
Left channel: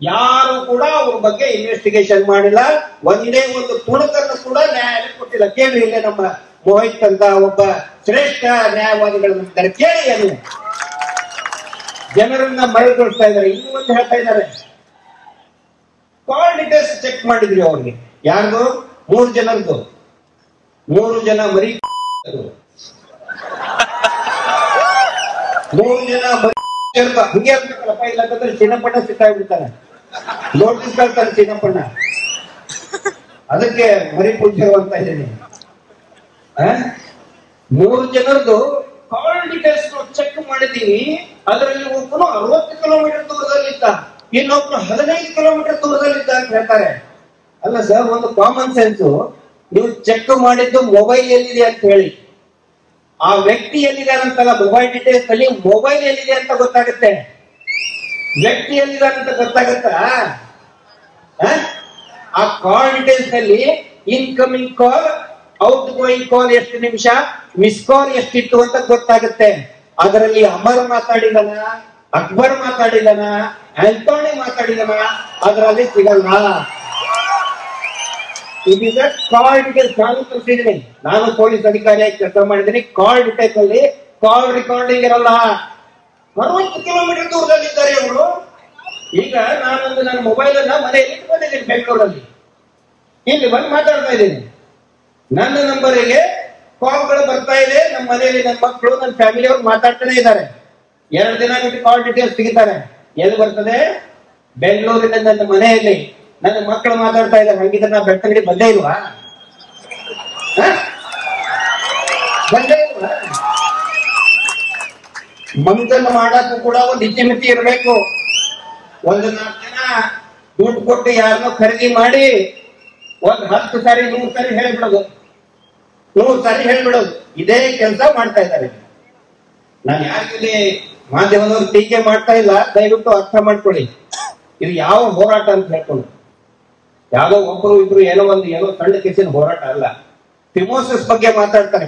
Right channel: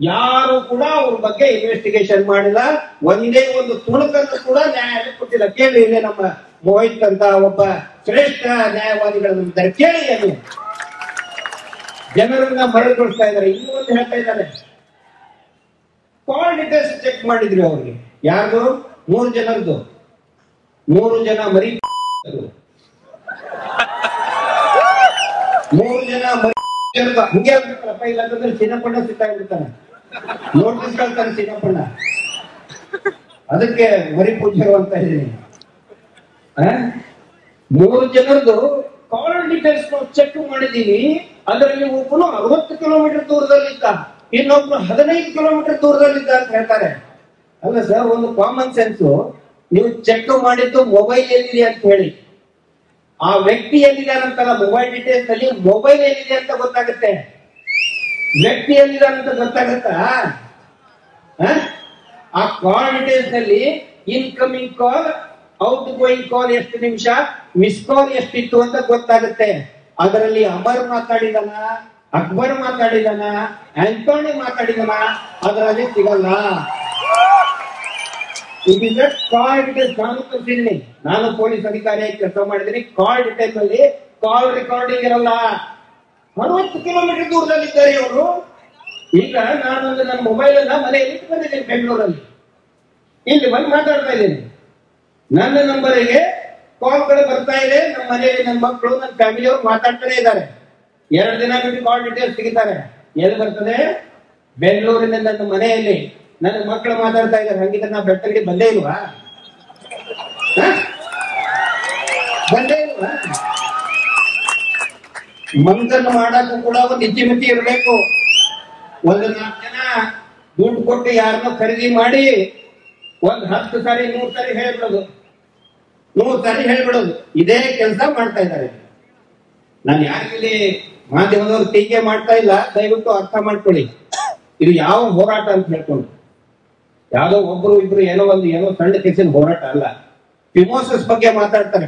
ಯಾರು ಕೂಡ ಅವ್ರ ಬಗ್ಗೆ ಇನ್ವೆಸ್ಟಿಗೇಷನ್ ಮಾಡಿಲ್ಲ. ಒಂದೇ ಒಂದು ತುಣುಕನ್ನು ಕೂಡ ನ್ಯಾಯಾಲಯ ಕೊಟ್ಟಿಲ್ಲ. ಕೇಳಿ, ಇಲ್ಲೇ ನಮ್ಮ ಮೋಹಿತ್ ಅಂತ ಒಬ್ಬ ಶ್ರೇಷ್ಠ ನ್ಯಾಯವಾದಿಗಳಿದ್ದಾರೆ, ಕೇಳಿ. ಅದು ಜನರನ್ನ ಮರಳಿಕೊಳ್ತಾ ಇದ್ದಾರೆ. ಇನ್ನು ಮುಂದೆ ಹೇಳ್ತಾ ಇದ್ದಾರೆ, ಕಾಲ್ ಡೀಟೇಲ್ಸ್ ಚೆಕ್ ಮಾಡಿದ್ರಿ ಅವ್ರಿಗೆ. ಯಾರ್ದು? 3 ಜನರದ್ದು. 3 ಜನ ಮರಿ 3 ಜನ ಹಂಗೆ ಆಗ್ಬೇಕಲ್ಲಪ್ಪ. ಇಲ್ಲಾಂತಂದ್ರೆ ಚಿನ್ನಪ್ಪಣ್ಣ ಸಿಕ್ಕಾಗ್ಬಿಡ್ತಾನೆ, ನೋಟಿಸ್ ಕಳ್ತಾನೆ ಚಿನ್ನಪ್ಪಣ್ಣ. ಅದಕ್ಕೆ ಮರಿ ಪೂಜ್ಯರು ಅಂತ ಇದ್ದೀನಿ. 3 ಜನರದು ಕಾಲ್ ಡೀಟೇಲ್ಸ್ ನಾವು ಚೆಕ್ ಮಾಡಿದೀವಿ. ಅದರಲ್ಲಿ ಒಬ್ಬನು 60 ಕಿಲೋಮೀಟರ್ ದೂರದಲ್ಲಿದ್ದ, ಇನ್ನೊಬ್ರು 15 ಕಿಲೋಮೀಟರ್ ದೂರದಲ್ಲಿದ್ದ ಅಂತ ಹೇಳ್ತಾರೆ. ಅಲ್ಲ ಸರ್, ಒಂದು ಕಾಮನ್ ಸೆನ್ಸ್. ನೀವು ಚೆಕ್ ಮಾಡಿದ್ದು ಮೊಬೈಲ್ ಎಲ್ಲಿದೆ ಅಂತ ಹೇಳಿ, ಆ ವ್ಯಕ್ತಿ ಎಲ್ಲಿದ್ದಾನಂತಲ್ಲ, ಮೊಬೈಲ್ ಡೀಟೇಲ್ಸ್ ಅಲ್ಲಿ ಮೊಬೈಲ್ ಎಲ್ಲಿದೆ ಅಂತ ಗೊತ್ತಾಗುತ್ತೆ. ವ್ಯಕ್ತಿ ಎಲ್ಲಿದ್ದಾನಂತ ಗೊತ್ತಾಗುತ್ತಾ? ಆ ಕಾಲ್ ಡೀಟೇಲ್ಸ್ ನಲ್ಲಿ ಇನ್ಕಮಿಂಗ್ ಕಾಲ್, ಔಟ್ ಗೋಯಿಂಗ್ ಕಾಲ್ ಎಷ್ಟು ನಿಮಿಷ, ಮಿಸ್ ಕಾಲ್ ಎಷ್ಟಿತ್ತು ಅಂತ ಗೊತ್ತಾಗುತ್ತೆ. ಅದರಲ್ಲಿ ಅಮರ್ ಮಾತಾಡಿದನ, ಅಕ್ಬರ್ ಮಾತಾಡಿದನ, ಆಂಟೋನಿ ಮಾತಾಡಿದನ, ಅದರಲ್ಲಿ ಸಿಗಲ್ಲ. It is a call details. ನಾನು ತೋರಿಸಿದ್ದೀನಿ, ನಾನು ಪೊಲೀಸ್ ಅಧಿಕಾರಿಯಾಗಿ ಕೆಲಸ ಮಾಡಿದ್ದೀನಿ. ಕಾಲ್ ಡೀಟೇಲ್ಸ್ ಅಲ್ಲಿ ಕಾಲ್ ರೆಕಾರ್ಡಿಂಗ್ ಇರಲ್ಲ. 60 ಕಿಲೋಮೀಟರ್ ದೂರದಲ್ಲಿದ್ದಾರೆ ಅವರು. ಈಗ ನಾನೊಂದು ನನ್ನ ಮೊಬೈಲ್ ಅನ್ನ ಮನೆಯಲ್ಲಿ ಇಟ್ಟು ಬಂದಿದ್ದೀನಿ ಬೆಂಗಳೂರಲ್ಲಿ. ಇಲ್ಲಿ ಬಂದು ಮಾತಾಡ್ತಾ ಇದ್ದೀನಿ. ನನ್ನ ನಂಬರಿಗೆ ಕಾಲ್ಗಳು ಬರ್ತಾ ಇದೆ. ನಮ್ಮ ಮನೆಯಲ್ಲಿ ನನ್ನ ಮಕ್ಕಳು, ನನ್ನ ಫ್ಯಾಮಿಲಿ ಅವರು ಮಾತಾಡ್ತಾನೆ ಇದ್ದಾರೆ. 2 ದಿನ ನೋಡಿ ಕಾಲ್ ಡೀಟೇಲ್ಸ್ ತೆಗಿತಾರೆ. ಎಲ್ಲಿ ಬರ್ತದೆ? ಬೆಂಗಳೂರಿನ ನನ್ನ ಮನೆಯಲ್ಲಿ ನನ್ನ ಮಕ್ಕಳು ಮಾತಾಡ್ತಾ ಇದ್ದಾರೆ. ಹಂಗಿದ್ರೆ ನಾ ಬೆಳ್ತಂಗಡಿ ಬಂದೇ ಇಲ್ವಾ? ಮಂಗನ್ ಮಾಡಕ್ಕೂ ಕೂಡ ಒಂದು ಇತಿಮಿತಿ ಇರಬೇಕು. 1-4 ಜನ ದುಡ್ಡು ಕೊಟ್ಟು ಯಾರನ್ನೋ ಖರೀದಿ ಮಾಡಿ 10 ಸಾರಿ 100 ಸಾರಿ ಹೇಳ್ಬಿಡೋದು, 100 ಸಾರಿ ಹೇಳ್ಬಿಡೋದು. ಇದೇ ಕೆಲಸ ಮಾಡ್ತಾ ಇದ್ದಾರೆ. ನಾನು ಯಾಕೆ ಮಾಧ್ಯಮದವರು ಟೀಕೆ ಮಾಡ್ತಾ ಇಲ್ಲ, ದಯವಿಟ್ಟು ಅರ್ಥ ಮಾಡ್ಕೊಳ್ಳಿ. ಇದು ಯಾವ ಹೋರಾಟ ಅಂತ ಹೇಳ್ಕೊಂಡು, ಯಾವ್ದೋ ಒಬ್ರು ಇಬ್ರು ಏನೋ ಸಣ್ಣ ಕೇಸಿನ ಹೋರಾಟ ಅಲ್ಲ. ಫಿಮೋಸಿಸ್ ಬಗ್ಗೆ ಮಾತಾಡ್ತಾರೆ.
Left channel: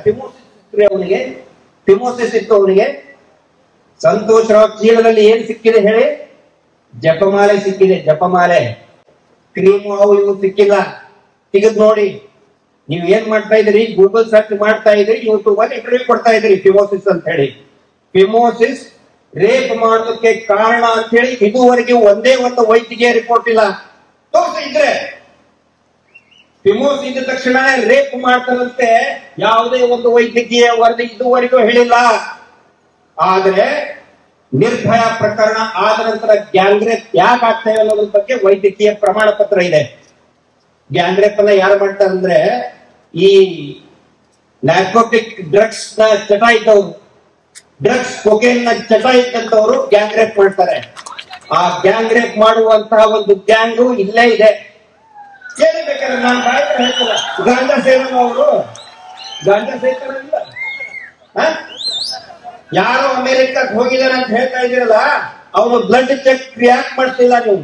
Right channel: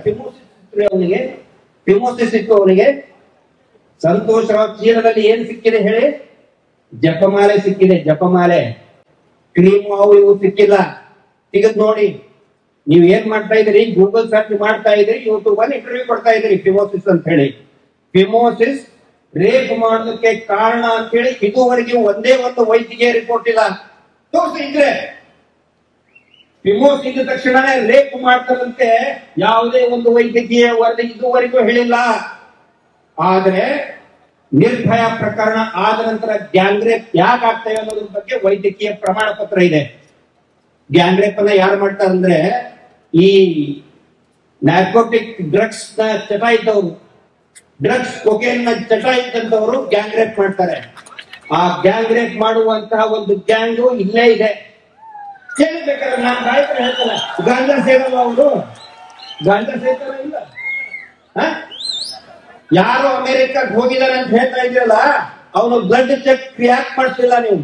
ಫಿಮೋಸಿಸ್ ಇತ್ತು ಅವನಿಗೆ. ಸಂತೋಷ್ ರಾವ್ ಚೀಲದಲ್ಲಿ ಏನ್ ಸಿಕ್ಕಿದೆ ಹೇಳಿ? ಜಪಮಾಲೆ ಸಿಕ್ಕಿದೆ, ಜಪಮಾಲೆ. ಕ್ರೀಮ್ ಇವು ಸಿಕ್ಕಿಲ್ಲ. ತೆಗೆದು ನೋಡಿ. ನೀವ್ ಏನ್ ಮಾಡ್ತಾ ಇದ್ರಿ? ಗೂಗಲ್ ಸರ್ಚ್ ಮಾಡ್ತಾ ಇದ್ರಿ, ಯೂಟ್ಯೂಬ್ ಅಲ್ಲಿ ಇಂಟರ್ವ್ಯೂ ಕೊಡ್ತಾ ಇದ್ರಿ ಫಿಮೋಸಿಸ್ ಅಂತ ಹೇಳಿ. ಫಿಮೋಸಿಸ್ ರೇಪ್ ಮಾಡೋದಕ್ಕೆ ಕಾರಣ ಅಂತ ಹೇಳಿ ಇದುವರೆಗೆ ಒಂದೇ ಒಂದು ವೈದ್ಯಕೀಯ ರಿಪೋರ್ಟ್ ಇಲ್ಲ. ತೋರಿಸಿ ಇದ್ರೆ ಫಿಮೋಸಿಸ್ ಇದ್ದ ತಕ್ಷಣ ರೇಪ್ ಮಾಡ್ತಾರಂತೆ ಯಾವುದೇ ಒಂದು ವೈದ್ಯಕೀಯ ವರದಿ ಇದುವರೆಗೂ ಹೇಳಿಲ್ಲ. ಆದ್ರೆ ನಿರ್ಭಯ ಪ್ರಕರಣ ಆದ ನಂತರ ಗ್ಯಾಂಗ್ ರೇಪ್ ಯಾಕೆ ಆಗ್ತಾ ಇಲ್ಲ ಅನ್ನೋದ್ರ ಬಗ್ಗೆ ವೈದ್ಯಕೀಯ ಪ್ರಮಾಣ ಪತ್ರ ಇದೆ. ಗ್ಯಾಂಗ್ ರೇಪ್ ಅನ್ನ ಯಾರು ಮಾಡ್ತಾರೆ ಅಂದ್ರೆ ಈ ನಾರ್ಕೋಟಿಕ್ ಡ್ರಗ್ಸ್ ನ ಚಟ ಇದ್ದವರು, ಡ್ರಗ್ಸ್ ಕೊಕೇನ್ ನ ಚಟ ಇದ್ದಂತವರು ಗ್ಯಾಂಗ್ ರೇಪ್ ಮಾಡ್ತಾರೆ. ಆ ಗ್ಯಾಂಗ್ ರೇಪ್ ಮಾಡುವಂತಹ ಒಂದು ಗ್ಯಾಂಗು ಇಲ್ಲೇ ಇದೆ. ಕೇಳಬೇಕಾದ್ರೆ ನಾನು ರಾಯ್ತರ ಹೇಳ್ತಲ್ಲ, ಗಾಂಜಾ ಸೇರಲ್ಲ ಅವರು, ಗಾಂಜಾ ಸೇರ್ತಾರಲ್ಲ. ಯಾರು ಅಮೆರಿಕಕ್ಕೆ ಹೋಗಿದ್ದಾರೆ ಅಂತ ಹೇಳ್ತಾ ಇದ್ದೀರಲ್ಲ, ಅವನು ಬ್ಲಡ್ ಚೆಕ್ ಯಾಕೆ ಮಾಡಿಸಿಲ್ಲ ನೀವು?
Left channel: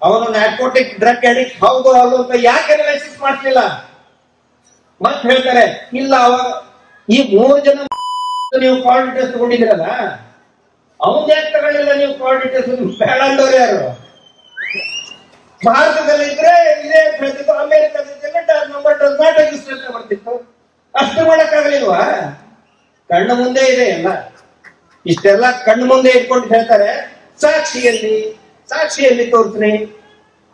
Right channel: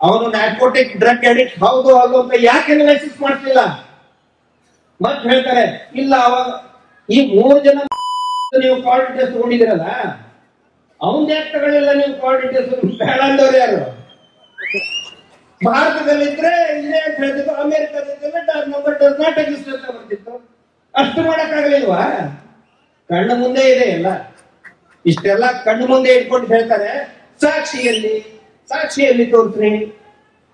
ಅವನು ನಾರ್ಕೋಟಿಕ್ ಡ್ರಗ್ ಅಡಿಕ್ಟ್ ಹೌದು ಅಂತ ಯಾಕೆ ಅನಾಲಿಸಿಸ್ ಮಾಡ್ತಿಲ್ಲ? ಮತ್ತೆ ಹೇಳ್ತಾರೆ ಇಲ್ಲ, ಅವಾಗ ಈ 3 ಜನ ನೀವು ಕೋಆರ್ಡಿನೇಟರ್ಸ್ ತಗೊಂಡಿದ್ದೀರಲ್ಲ, ಅವನ್ ಯಾಕೆ ತಗೊಳ್ಳಿಲ್ಲ ನೀವು ಕೋಆರ್ಡಿನೇಟರ್ಸ್? ಬೇಡ ಅಂದವ್ರು ಯಾರು? ಭಾರತದಲ್ಲಿದ್ರೆ ಇದೇ ಅಂತ ಹೇಳ್ತಿತ್ತು, ಅಮೆರಿಕದಿದ್ರೆ ನಂಬರ್ ಡಸ್ ನಾಟ್ ಎಕ್ಸಿಸ್ಟ್ ಅಂತ ಬರ್ತಿತ್ತು. ಅಷ್ಟು ಮಾಡಕ್ಕಾಗಲಿಲ್ವಾ? ಕಣ್ಣು ಮುಂದೆ ಇದೆ ಎಲ್ಲ. ಇಷ್ಟೆಲ್ಲ ಕಣ್ಣು ಮುಂದೆ ಇಟ್ಕೊಂಡು ಹೇಳ್ತಾರೆ ಸಾಕ್ಷಿಯಲ್ಲಿ ತೋರಿಸ್ರಿ,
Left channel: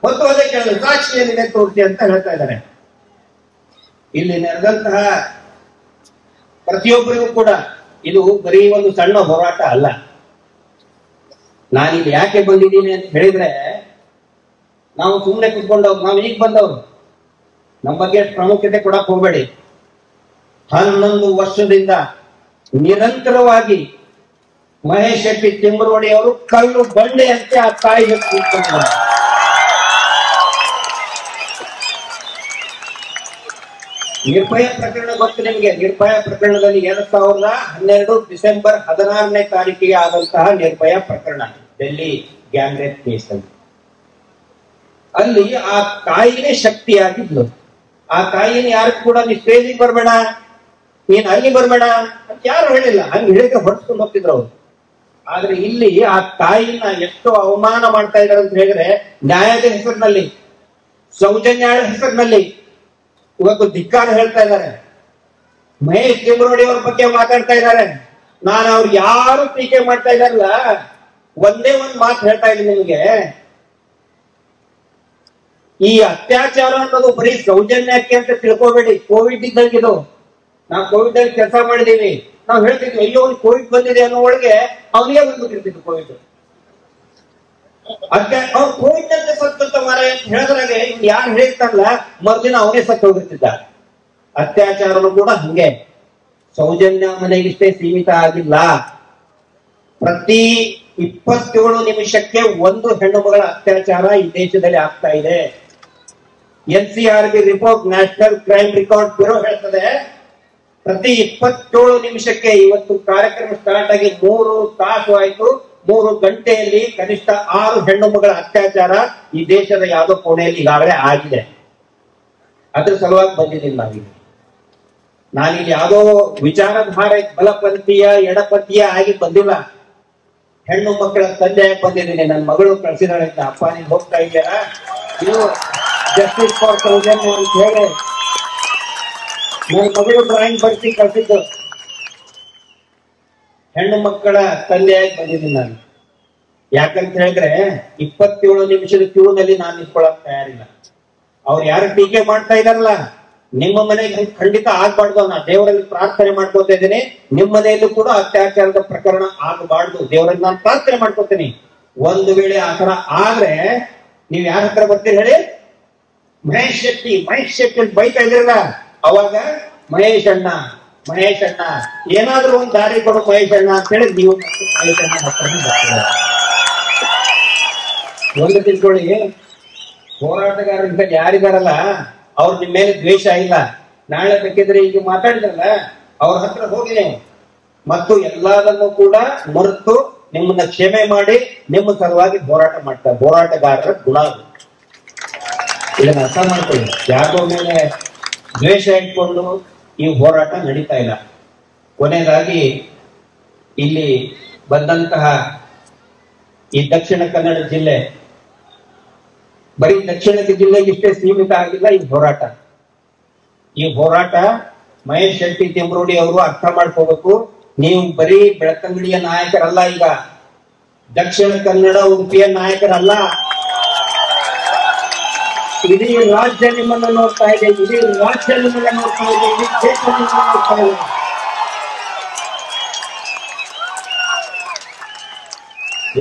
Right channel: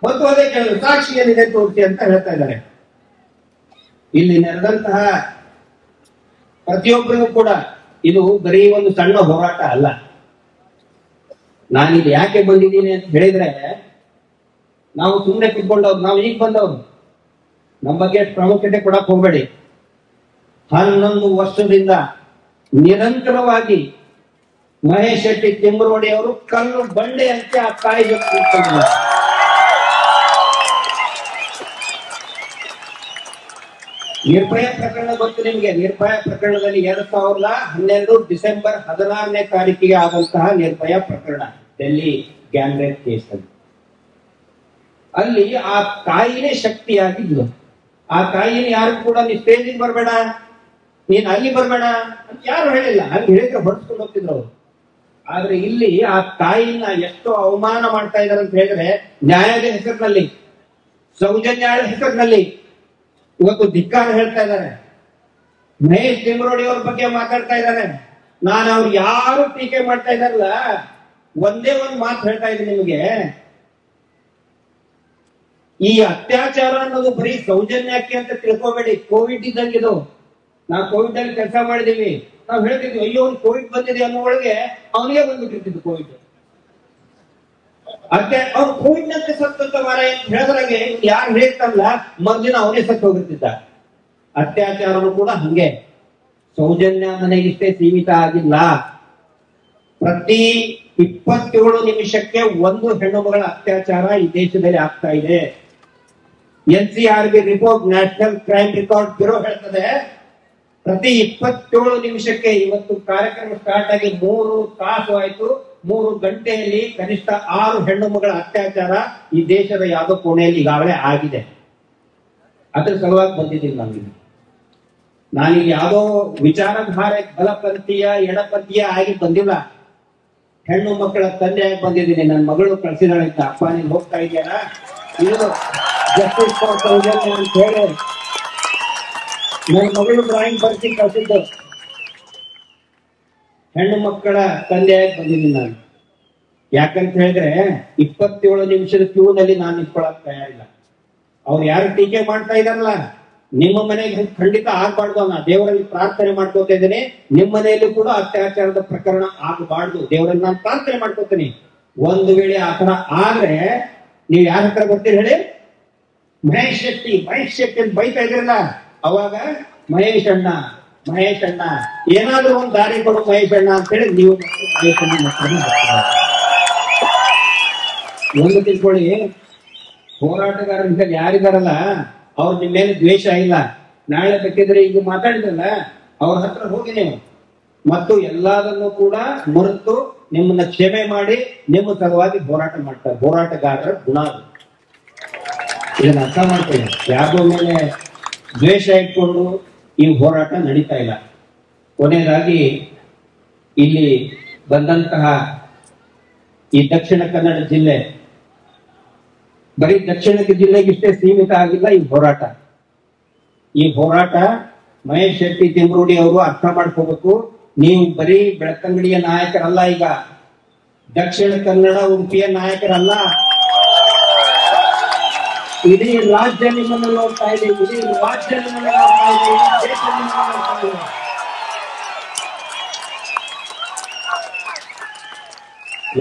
ಮತ್ತು ಅದೇ ಕೇಳಲು ಸಾಕ್ಷಿಯಲ್ಲಿದೆ ತೋರಿಸಿ ಅಂತ ಹೇಳ್ತಾ ಇದ್ದಾರೆ. ಇಲ್ಲಿ ನಡೆದಂತಹ ಪ್ರತಿಯೊಬ್ಬರಿಗೂ ಕೂಡ ಇದು ಬರೀ ಒಂದು ಸಣ್ಣ ಹೋರಾಟ ಅಲ್ಲ. ನಾನಿಲ್ಲಿ ಯಾಕೆ ಬಂದಿದ್ದೀನಿ ಅಂತ ಹೇಳಿದ್ರೆ, ನಾವು ಸುಮ್ಮನೆ ಕುತ್ಕೊಂಡವ್ರು, ನಾವು ಈಗ ಬಂದವರು, ನಮ್ಮ ಬಗ್ಗೆ ಪ್ರಾಮುಖ್ಯತೆ ಕೊಡಕ್ ಹೋಗ್ಬೇಡಿ. 11 ವರ್ಷದಿಂದ ನಿರಂತರವಾಗಿ ಮಹೇಶ್ ಶೆಟ್ಟಿ ತಿಮ್ಮರೋಡಿ ಅವರು ಕಲ್ಲು ಬಂಡೆ ಅಂತ ಆ ತಾಯಿ ಕೂತ್ಕೊಂಡಿದ್ದಾರೆ. ನಿರ್ಭಯ ಪ್ರಕರಣ ಗೊತ್ತು ನಿಮಗೆ. ನಿರ್ಭಯ ಪ್ರಕರಣದಲ್ಲಿ 2012 ಡಿಸೆಂಬರ್ 16ನೇ ತಾರೀಕಿಗೆ ಆದಂತಹ ನಿರ್ಭಯ ಪ್ರಕರಣ, ಡೆಲ್ಲಿ ಗ್ಯಾಂಗ್ ರೇಪ್ ಕೇಸ್ ಅಲ್ಲಿ ಆ ತಾಯಿನೇ ಶಕ್ತಿಯಾಗಿದ್ಲು. ಆ ತಾಯಿನ ಯಾರು ಕೂಡ ನೀ ಸ್ಟೇಜಿಗೆ ಬರ್ಬೇಡ, ನೀನ್ ಅಲ್ಲಿ ಬರ್ಬೇಡ ಅಂತ ಯಾರು ಹೇಳಿಲ್ಲ. ಹಂಗೆ ಹೇಳಿದ್ರೆ ಹೊಡ್ಸ್ಕೊಂಡು ಹೋಗ್ತಿದ್ರು ಅವರು. ಆದ್ರೆ ಇಲ್ಲಿ ಆ ತಾಯಿನ ಎಷ್ಟು ಅವಮಾನ ಮಾಡ್ತಾ ಇದಾರೆ ಅಂತ ಹೇಳಿದ್ರೆ, ನ್ಯಾಯದ ಹೆಸರಿನಲ್ಲಿ, ಸೌಜನ್ಯದ ಹೆಸರಿನಲ್ಲಿ ಇವತ್ತು ಧಿಕ್ಕಾರ ಹೇಳ್ತಾ ಇದ್ದಾರೆ. ಮಹೇಶ್ ತಿಮ್ಮರೋಡಿ ಅವ್ರ ಬಗ್ಗೆ ಮಾತಾಡ್ತಾ ಇದ್ದಾರೆ. ನಾನು ಅವ್ರು ಯಾರು ಟೀಕೆ ಮಾಡ್ತಾ ಇದಾರಲ್ಲ, ಒಂದೇ ಒಂದು ಮಾತು ಹೇಳ್ತಾ ಇದ್ದೀನಿ ನಿಮಗೆ. ಈ ಅತ್ಯಾಚಾರ ಅನ್ನೋದು ಬರೀ ಸೌಜನ್ಯಕ್ಕೆ ಅಂತ ತಿಳ್ಕೋಬೇಡಿ. ಕೋವಿಡ್ ಇದ್ದಂಗಿದು. ನಾವು ಕೋವಿಡ್ ಅಲ್ಲಿ ಕೆಲಸ ಮಾಡಿದೀವಿ. ನಾವು ಹೇಳ್ತಿದ್ವಿ ಅಯ್ಯೋ ಕೋವಿಡ್ ಬಂದಿದೆ ಅನ್ನೋ ಒಳಗೆ ಅವನಿಗೆ ಬಂದ್ಬಿಟ್ಟಿರ್ತಿದ್ವಿ ಕೋವಿಡ್. ಅದಕ್ಕೆ ಅವ್ರು ಕೋವಿಡ್ ನಂತೆ ಸತ್ತಂತ ಮಾರ ಅಂತ ಹೇಳಿದ್ರಾಗೆ ಯಾರು ಹೇಳ್ತಾರಲ್ಲ, ಮೊದಲಿನ ಅವನೇ ಸತ್ತು ಹೋಗಿರ್ತಿದ್ದ. ಅತ್ಯಾಚಾರನು ಕೂಡ ಹಂಗೆ ಸೌಜನ್ಯ ಮನೆಗಿಷ್ಟೇ ಸೀಮಿತ ಆಗಿಲ್ಲ. ಪ್ರತಿ 27 ನಿಮಿಷಕ್ಕೆ ಒಂದು ಹೆಣ್ಣು ಮಗಳ ಅತ್ಯಾಚಾರ ಈ ದೇಶದಲ್ಲಿ ಆಗ್ತಾ ಇದೆ. NCRB report, national crime record bureau ಹೇಳ್ತದೆ, ಪ್ರತಿ 27 ನಿಮಿಷಕ್ಕೆ, ಇವತ್ತು ಕಾರ್ಯಕ್ರಮ ಸ್ಟಾರ್ಟ್ ಆಗಿ 3 ತಾಸು ಆಯ್ತು, 3 ಗಂಟೆಯಲ್ಲಿ ಕನಿಷ್ಠ 6 ಹೆಣ್ಣು ಮಗಳ ಅತ್ಯಾಚಾರ ಈ ದೇಶದ ಯಾವುದೋ ಕೋಣೆಯಲ್ಲಿ ಈಗಾಗಲೇ ಆಗಿದೆ. ಅದ್ರ ಸಲುವಾಗಿ ಬಂದಿದ್ದೀನಿ ನಾನಿಲ್ಲಿ ಯಾವುದೋ ವಿಚಾರಧಾರೆ ಬಲಪಂಥೀಯ ಎಡಪಂಥೀಯ ಆಗಿ ಬಂದಿಲ್ಲ. ಹೆಣ್ಣು ಮಕ್ಕಳ ತಂದೆಯಾಗಿ ಬಂದಿದ್ದೀನಿ. ನನ್ನ ಮಗಳು ಕಳಿಸಿದಾಳೆ, ಅಪ್ಪ ನೀನ್ ಹೋಗ್ತಾ ಇದೆಯಲ್ಲ, ನೀವು ಜಸ್ಟಿಸ್ ಫಾರ್ ಸೌಜನ್ಯ ಅಂತ ಹೇಳಿ ನನ್ನ ಮಗಳು ಡ್ರಾಯಿಂಗ್ ಬರ್ಸಿ ಕಳಿಸಿದ್ದು. ಹೆಣ್ಣು ಮಕ್ಕಳ ತಂದೆಯಾಗಿ ಬಂದಿದ್ದೀನಿ ನಾನು. ಯಾಕಂತ ಹೇಳಿದ್ರೆ 27 ನಿಮಿಷದ ಕ್ಯೂನಲ್ಲಿ ನಾನು ನಿಂತ್ಕೊಳ್ಳಕ್ ತಯಾರಿಲ್ಲ. ಅವ್ರು ಯಾರು ಟೀಕೆ ಮಾಡ್ತಾ ಇದಾರಲ್ಲ, ನಿಮ್ಮ ಮನೆಗೆ ಖಂಡಿತ ಆಗ್ಬಾರ್ದು. ನಾ ದೇವರಲ್ಲಿ ಪ್ರಾರ್ಥನೆ ಮಾಡ್ಕೋತಾ ಇದ್ದೀನಿ, ನಿಮ್ಮ ಮನೆಯಲ್ಲೂ ಕೂಡ ಅತ್ಯಾಚಾರದ ಪ್ರಕರಣ ಆಗಬಾರ್ದು. ದೇವರಲ್ಲಿ ನಾನು ಪ್ರಾರ್ಥನೆ ಮಾಡ್ಕೋತೀನಿ. ಒಂದು ವೇಳೆ ಆತರ ಆದ್ರೆ ನೀವು ಯಾರ ಹತ್ರ ಬರ್ತೀರಿ ಹೇಳಿ? ಮಹೇಶ್ ಶೆಟ್ಟಿ ಅಂತ ಬೈತಾ ಇದ್ರಲ್ಲ, ಅವಾಗ ಮಹೇಶ್ ಅಣ್ಣ ಏನಾದ್ರೂ ಒಂದು ದಾರಿ ಕೊಡು ಮಹೇಶ್ ಅಣ್ಣ ಅಂತ ಹೇಳಿ ನೀವು ಮಹೇಶ್ ಅಣ್ಣ ಮಕ್ಕಳನ್ನ ಬರ್ತೀರ. ಒಂದು ತಿಳ್ಕೊಳ್ಳಿ, ಹೋರಾಟಗಾರರ ಯಾರಿದಾರಲ್ಲ ಅವ್ರ ನಿಮ್ಮ ಮೇಲೆ ದ್ವೇಷ ಇಲ್ಲ. ನಾಳೆ ಬೇಕಿದ್ರೆ ಈಗ ಮಾತಾಡಿದ್ರಲ್ಲ, ಅವ್ರ ಹತ್ರ ಹೋಗಿ ನೀವು ಮತ್ತು ಎಲ್ಲದನ್ನು ಕೂಡ ಮರೆತು ನಿಮ್ಮನ್ನ ಕ್ಷಮೆ ಮಾಡಿ ನಿಮ್ಮ ಸಲುವಾಗಿ ಹೋರಾಟ ಮಾಡ್ತಾರೆ. ಹೋರಾಟಗಾರರ ಗುಣ ಅದು. ಇದನ್ನ ಅರ್ಥ ಮಾಡ್ಕೊಳ್ಳಿ. ಯಾರಿಗೋ ಮೇಲೆ ದ್ವೇಷ ಇಟ್ಕೊಂಡು ಈ ಹೋರಾಟ ನಡೀತಾ ಇಲ್ಲ. ಕೊನೆಯದಾಗಿ ಇಲ್ಲಿ ಬಂದಂತಹ ಈ ದಕ್ಷಿಣ ಕನ್ನಡ ಜಿಲ್ಲೆ ಬರೀ ದಕ್ಷಿಣ ಜಿಲ್ಲೆಗೆ ಇಷ್ಟೇ ಸೀಮಿತ ಆಗಿಲ್ಲ ಈ ಹೋರಾಟ. ಈ ಹೋರಾಟ ಮಹೇಶ್ ಶೆಟ್ಟಿ ತಿಮ್ರೋಡಿ ಅವರು ಅರ್ಥ ಮಾಡ್ಕೋಬೇಕು. ನೀವು ಬರೀ ಬೆಳತಂಗಡಿಯ ನಾಯಕರಲ್ಲ, ಈಗ ದಕ್ಷಿಣ ಕನ್ನಡ ಉಡುಪಿಯ ನಾಯಕರಲ್ಲ. ಇಡೀ ರಾಜ್ಯ ನಿಮ್ಮನ್ನು ನೋಡ್ತಾ ಇದೆ, ಇಡೀ ರಾಜ್ಯ ನಿಮ್ಮನ್ನ ನೋಡ್ತಾ ಇದೆ, ಇಡೀ ದೇಶ ನಿಮ್ಮನ್ನ ನೋಡ್ತಾ ಇದೆ.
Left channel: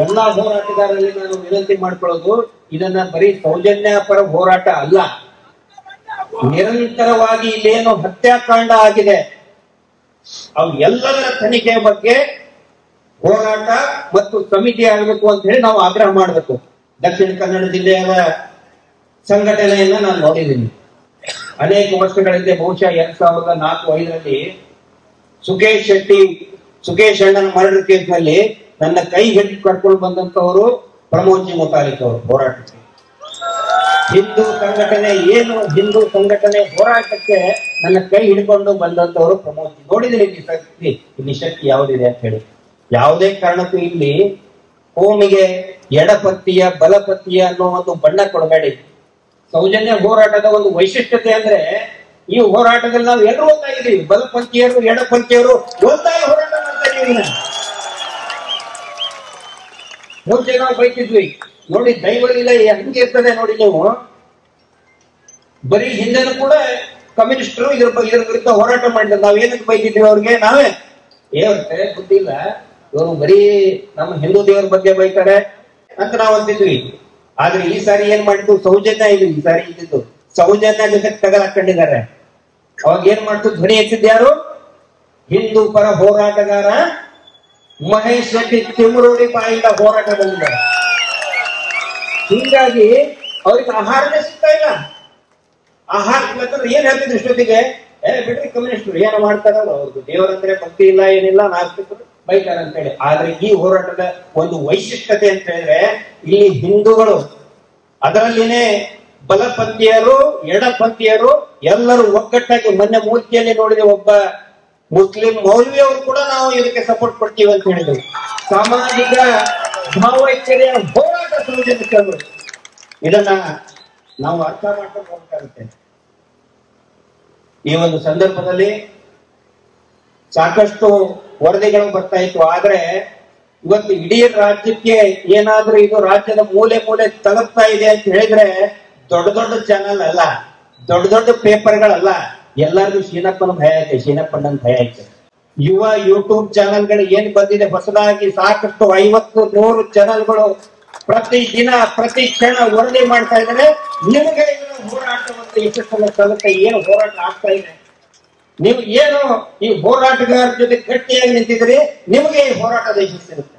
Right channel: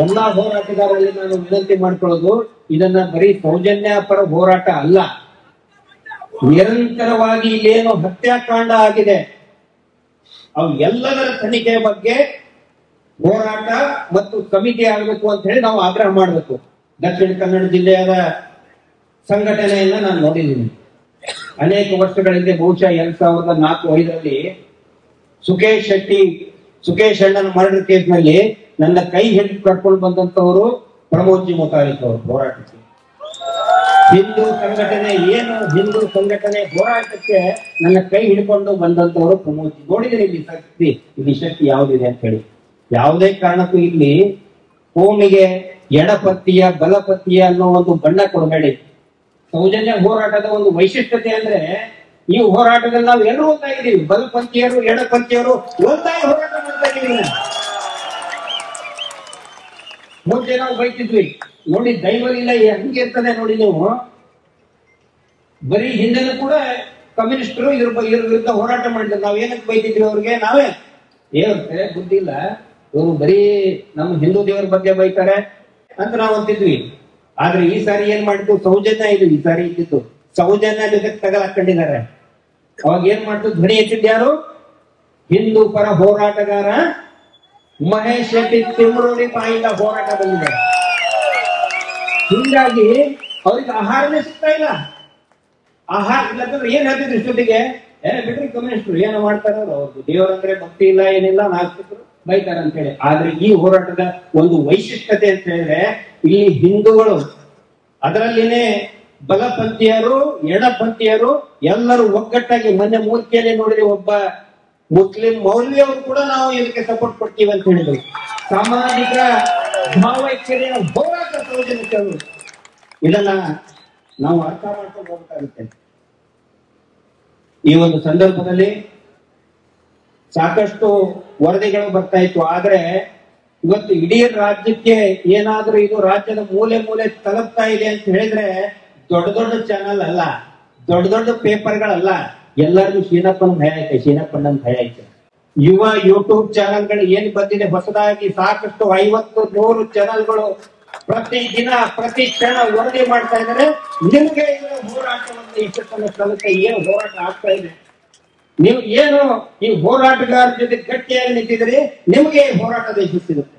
ಎಲ್ಲಾ ಹೋರಾಟಗಾರರಲ್ಲಿ ನಾನು ವಿನಂತಿ ಮಾಡ್ಕೊಳ್ಳೋದು, ಇದನ್ನ ಬರೀ ಸೌಜನ್ಯ ಪರ ಹೋರಾಟ ಅಲ್ಲ, ನಿರಂತರವಾಗಿ ಇಲ್ಲೇನು ಹತ್ಯಾಕಾಂಡ ಆಗಿದೆ ಅವು ಎಲ್ಲದರ ತನಿಖೆ ಬಗ್ಗೆ ಹೋರಾಟ ಮತ್ತು ಸಮಿತಿ ಆಗಬೇಕು ಅಂತ ಹೇಳಿ ನಾವು ಆಗ್ರಹ ಮಾಡಬೇಕು. ದಕ್ಷಿಣ ಕನ್ನಡ ಜಿಲ್ಲೆಯ ಸಂಘಟನೆಯನ್ನ ನಾನು ನೋಡಿದ್ದೀನಿ ಅನೇಕ ವರ್ಷಗಳಿಂದ. ಬಹುಶಃ 2004-5ರಲ್ಲಿ ಸುಕೇಶ್ ಅಣ್ಣನ ಮರ್ಡರ್ ಕೇಸ್ ನಲ್ಲಿ ನನ್ನ ಕೈ ಹಿಡಿದು ಕರ್ಕೊಂಡು ಬಂದಂತವರು ಪ್ರಮೋದ್ ಜಿ ಮುತಾಲಿಕ್ ಅವರು ಹೋರಾಟಕ್ಕೆ. ಹಿಂದೂ ಸಂಘಟನೆ ಹೋರಾಟಕ್ಕೆ ನನ್ನ ಕೈ ಹಿಡ್ಕೊಂಡು ಬಂದಂತವರು ಪ್ರಮೋದ್ ಜಿ. ನೋಡಿದ್ರೆ ಇಲ್ಲಿ ಶಕ್ತಿ ಯಾವ್ದಿದೆ ಅಂತ ಹೇಳಿ. ಯಾವುದೇ ಕಾರಣಕ್ಕೂ ಇಲ್ಲಿ ಕೋಮಿಗೆ ಎಡಪತ್ತಿಯ ಬಲಪತ್ತಿಯ ಅನ್ನೋ ಒಂದು ಬಣ್ಣ ಕೊಡಬೇಡಿ. ಸೌಜನ್ಯ ಹೋರಾಟದ ಒಂದು ವೈಶಿಷ್ಟ್ಯತೆ ಅಂದ್ರೆ ಈ ಹೋರಾಟದಲ್ಲಿ ನಾವು ಎಲ್ಲರೂ ಓದ್ತಾ ಇದೀವಿ. ಬಲಪಂಥೀಯರು ಎಡಪಂಥೀಯರು ಒಂದಾಗಿ ಹೋರಾಟ ಮಾಡ್ತಾ ಇದೀವಿ. ಮುಂಚೆ ನಾವು ಬೈತಿದ್ವಿ ನೋಡಿ, ದೈವಲೀಲ ಹೆಂಗೆ ಇರ್ತದೆ ನೋಡಿ. ನೀವು ಬರೀ ಹಿಂದೆನೂ ಕೂಡ ಕಮ್ಯುನಿಸ್ಟರು ಇದ್ರ ವಿರುದ್ಧ ಹೋರಾಟ ಮಾಡಿದ್ರು. ನಾವ್ ಏನಕ್ಕೆ ಬೈತಿದ್ವಿ ಅವ್ರಿಗೆ? ನಾವೇ ಏರುತ್ತೆ ಬುದ್ಧಿ ಇಲ್ಲ, ಇವರು ಬರೀ ನಮ್ಮ ಹಿಂದೂ ದೇವರ ಬಗ್ಗೆ ಬೈತಾರೆ ಅಂತ ನಾವು ಅಂತಿದ್ವಿ. ಆದ್ರೆ ಈ ಸಾರಿ ಏನ್ ಮಾಡಿದ್ದು, ಸೌಜನ್ಯ ಇದು ಈ ಸಾರಿ ಇದ್ದಿದ್ದು ಸೌಜನ್ಯ ಜೊತೆ ತಗಲಾಕೊಂಡಿದ್ದಾರೆ. ಅವಾಗ ಏನ್ ಮಾಡ್ತು, ಧ್ವನಿ ಎತ್ತಿದ್ ಯಾರು? ಹಿಂದೂ ಪರ ಹೋರಾಟಗಾರ ಮಹೇಶ್ ಶೆಟ್ಟಿ ತಿಮ್ರೋಡಿ ಬಾಯಿಂದ ಹೋರಾಟ ಬಂದಿದ್ದಾರೆ. ಹೀಗಾಗಿ ಅವ್ರಿಗೆ ಆಹಾರನೇ ಸಿಗ್ತಾ ಇಲ್ಲ. ಆಹಾರ ಇಲ್ಲಂದ್ರೆ ಏನ್ ಹೇಳ್ತಿದ್ರು ಇಷ್ಟೊತ್ತಿಗೆ, ಬಿಟ್ರಿ ಕಮ್ಯುನಿಸ್ಟರು ಏನು ಮಾಡ್ತಾರ, ಅವ್ರದ್ದು ದೇವರಂದ್ರೆ ಭಕ್ತಿ ಇಲ್ಲ ಏನಿಲ್ಲ, ನಾಸ್ತಿಕರು ಬೈತಾರೆ ಅಂತ ಹೇಳಿ. ಆದ್ರೆ ಈ ಹೋರಾಟದ ಒಂದು ವೈಶಿಷ್ಟ್ಯತೆ ಅಂತ ಹೇಳಿದ್ರೆ, ಇಲ್ಲಿ ಹಿಂದೂಗಳು ಅದರಲ್ಲಿನೇ ಬಲಪಂಥೀಯರು ಎಡಪಂಥೀಯರು ಎಲ್ಲರೂ ಒಗ್ಗಟ್ಟಾಗಿ, ಮೊನ್ನೆ ಮೂರ್ತಿಯಲ್ಲಿ ನೋಡಿದ್ರೆ ಒಬ್ಬ ಮುಸ್ಲಿಂ ಮೌಲ್ವಿ ಅವರು ಕೂಡ ನಾವು ಇದಕ್ಕೆ ಸಪೋರ್ಟ್ ಕೊಡ್ತೀವಿ ಅಂತ ಹೇಳಿದ್ರು. ಸಾಮಾಜಿಕ ಭಾವೈಕ್ಯತೆಯ ಹೋರಾಟ ಸೌಜನ್ಯ, ಇದನ್ನ ನಾವು ಅರ್ಥ ಮಾಡ್ಕೊಂಡು ಹೋಗ್ಬೇಕಾಗುತ್ತೆ. ಈ ಒಂದು ಸಂದರ್ಭದಲ್ಲಿ ಸಾಕಷ್ಟು ವರದಿಗಳು ಬರ್ತಾ ಇತ್ತು. ಆದ್ರೆ ಇವತ್ತು ಇಡೀ ರಾಜ್ಯಕ್ಕೆ ಏನಾದ್ರೂ ಇದು ರಾಜ್ಯದ ಮೂಲೆ ಮೂಲೆ ತಲುಪ್ತಾ ಇದೆ ಅಂತ ಹೇಳಿದ್ರೆ ದೊಡ್ಡ ದೊಡ್ಡ ಚಾನಲ್ ಅಲ್ಲ, ದೊಡ್ಡ ದೊಡ್ಡ ಪೇಪರ್ಗಳಲ್ಲ, ಎಲ್ಲರಿಗೂ ಶೀನಪ್ಪನ ಭಯ ಐತೆ, ಶೀನಪ್ಪಣ್ಣನ ಭಯ ಐತೆ. ಯುವ ಯೂಟ್ಯೂಬ್ ಚಾನಲ್ಗಳು ಏನ್ ಬಂದಿದೆ ಹೊಸದಾಗಿ, ಸಾಕಷ್ಟು 50-100 ಚಾನಲ್ಗಳು ಪ್ರತಿ ದಿನ ಪ್ರತಿ ಕ್ಷಣ ವರದಿ ಮಾಡ್ತಾ ಇದ್ದಾರೆ. ನಿಮ್ಗೆ ಹೋರಾಟವನ್ನು ಯಶಸ್ಸನ್ನು ತಲುಪ ಏನು ಹೋರಾಟ ಆಗ್ತಾ ಇದೆ, ನೀವು ಏನು ಈ ಹೋರಾಟಗಾರ ಜೊತೆ ಗಟ್ಟಿಯಾಗಿ ನಿಂತಿದ್ರೆ ನಿಮ್ಗೆ ಈ ಹೋರಾಟದ ಯಶಸ್ಸಿರುತ್ತೆ.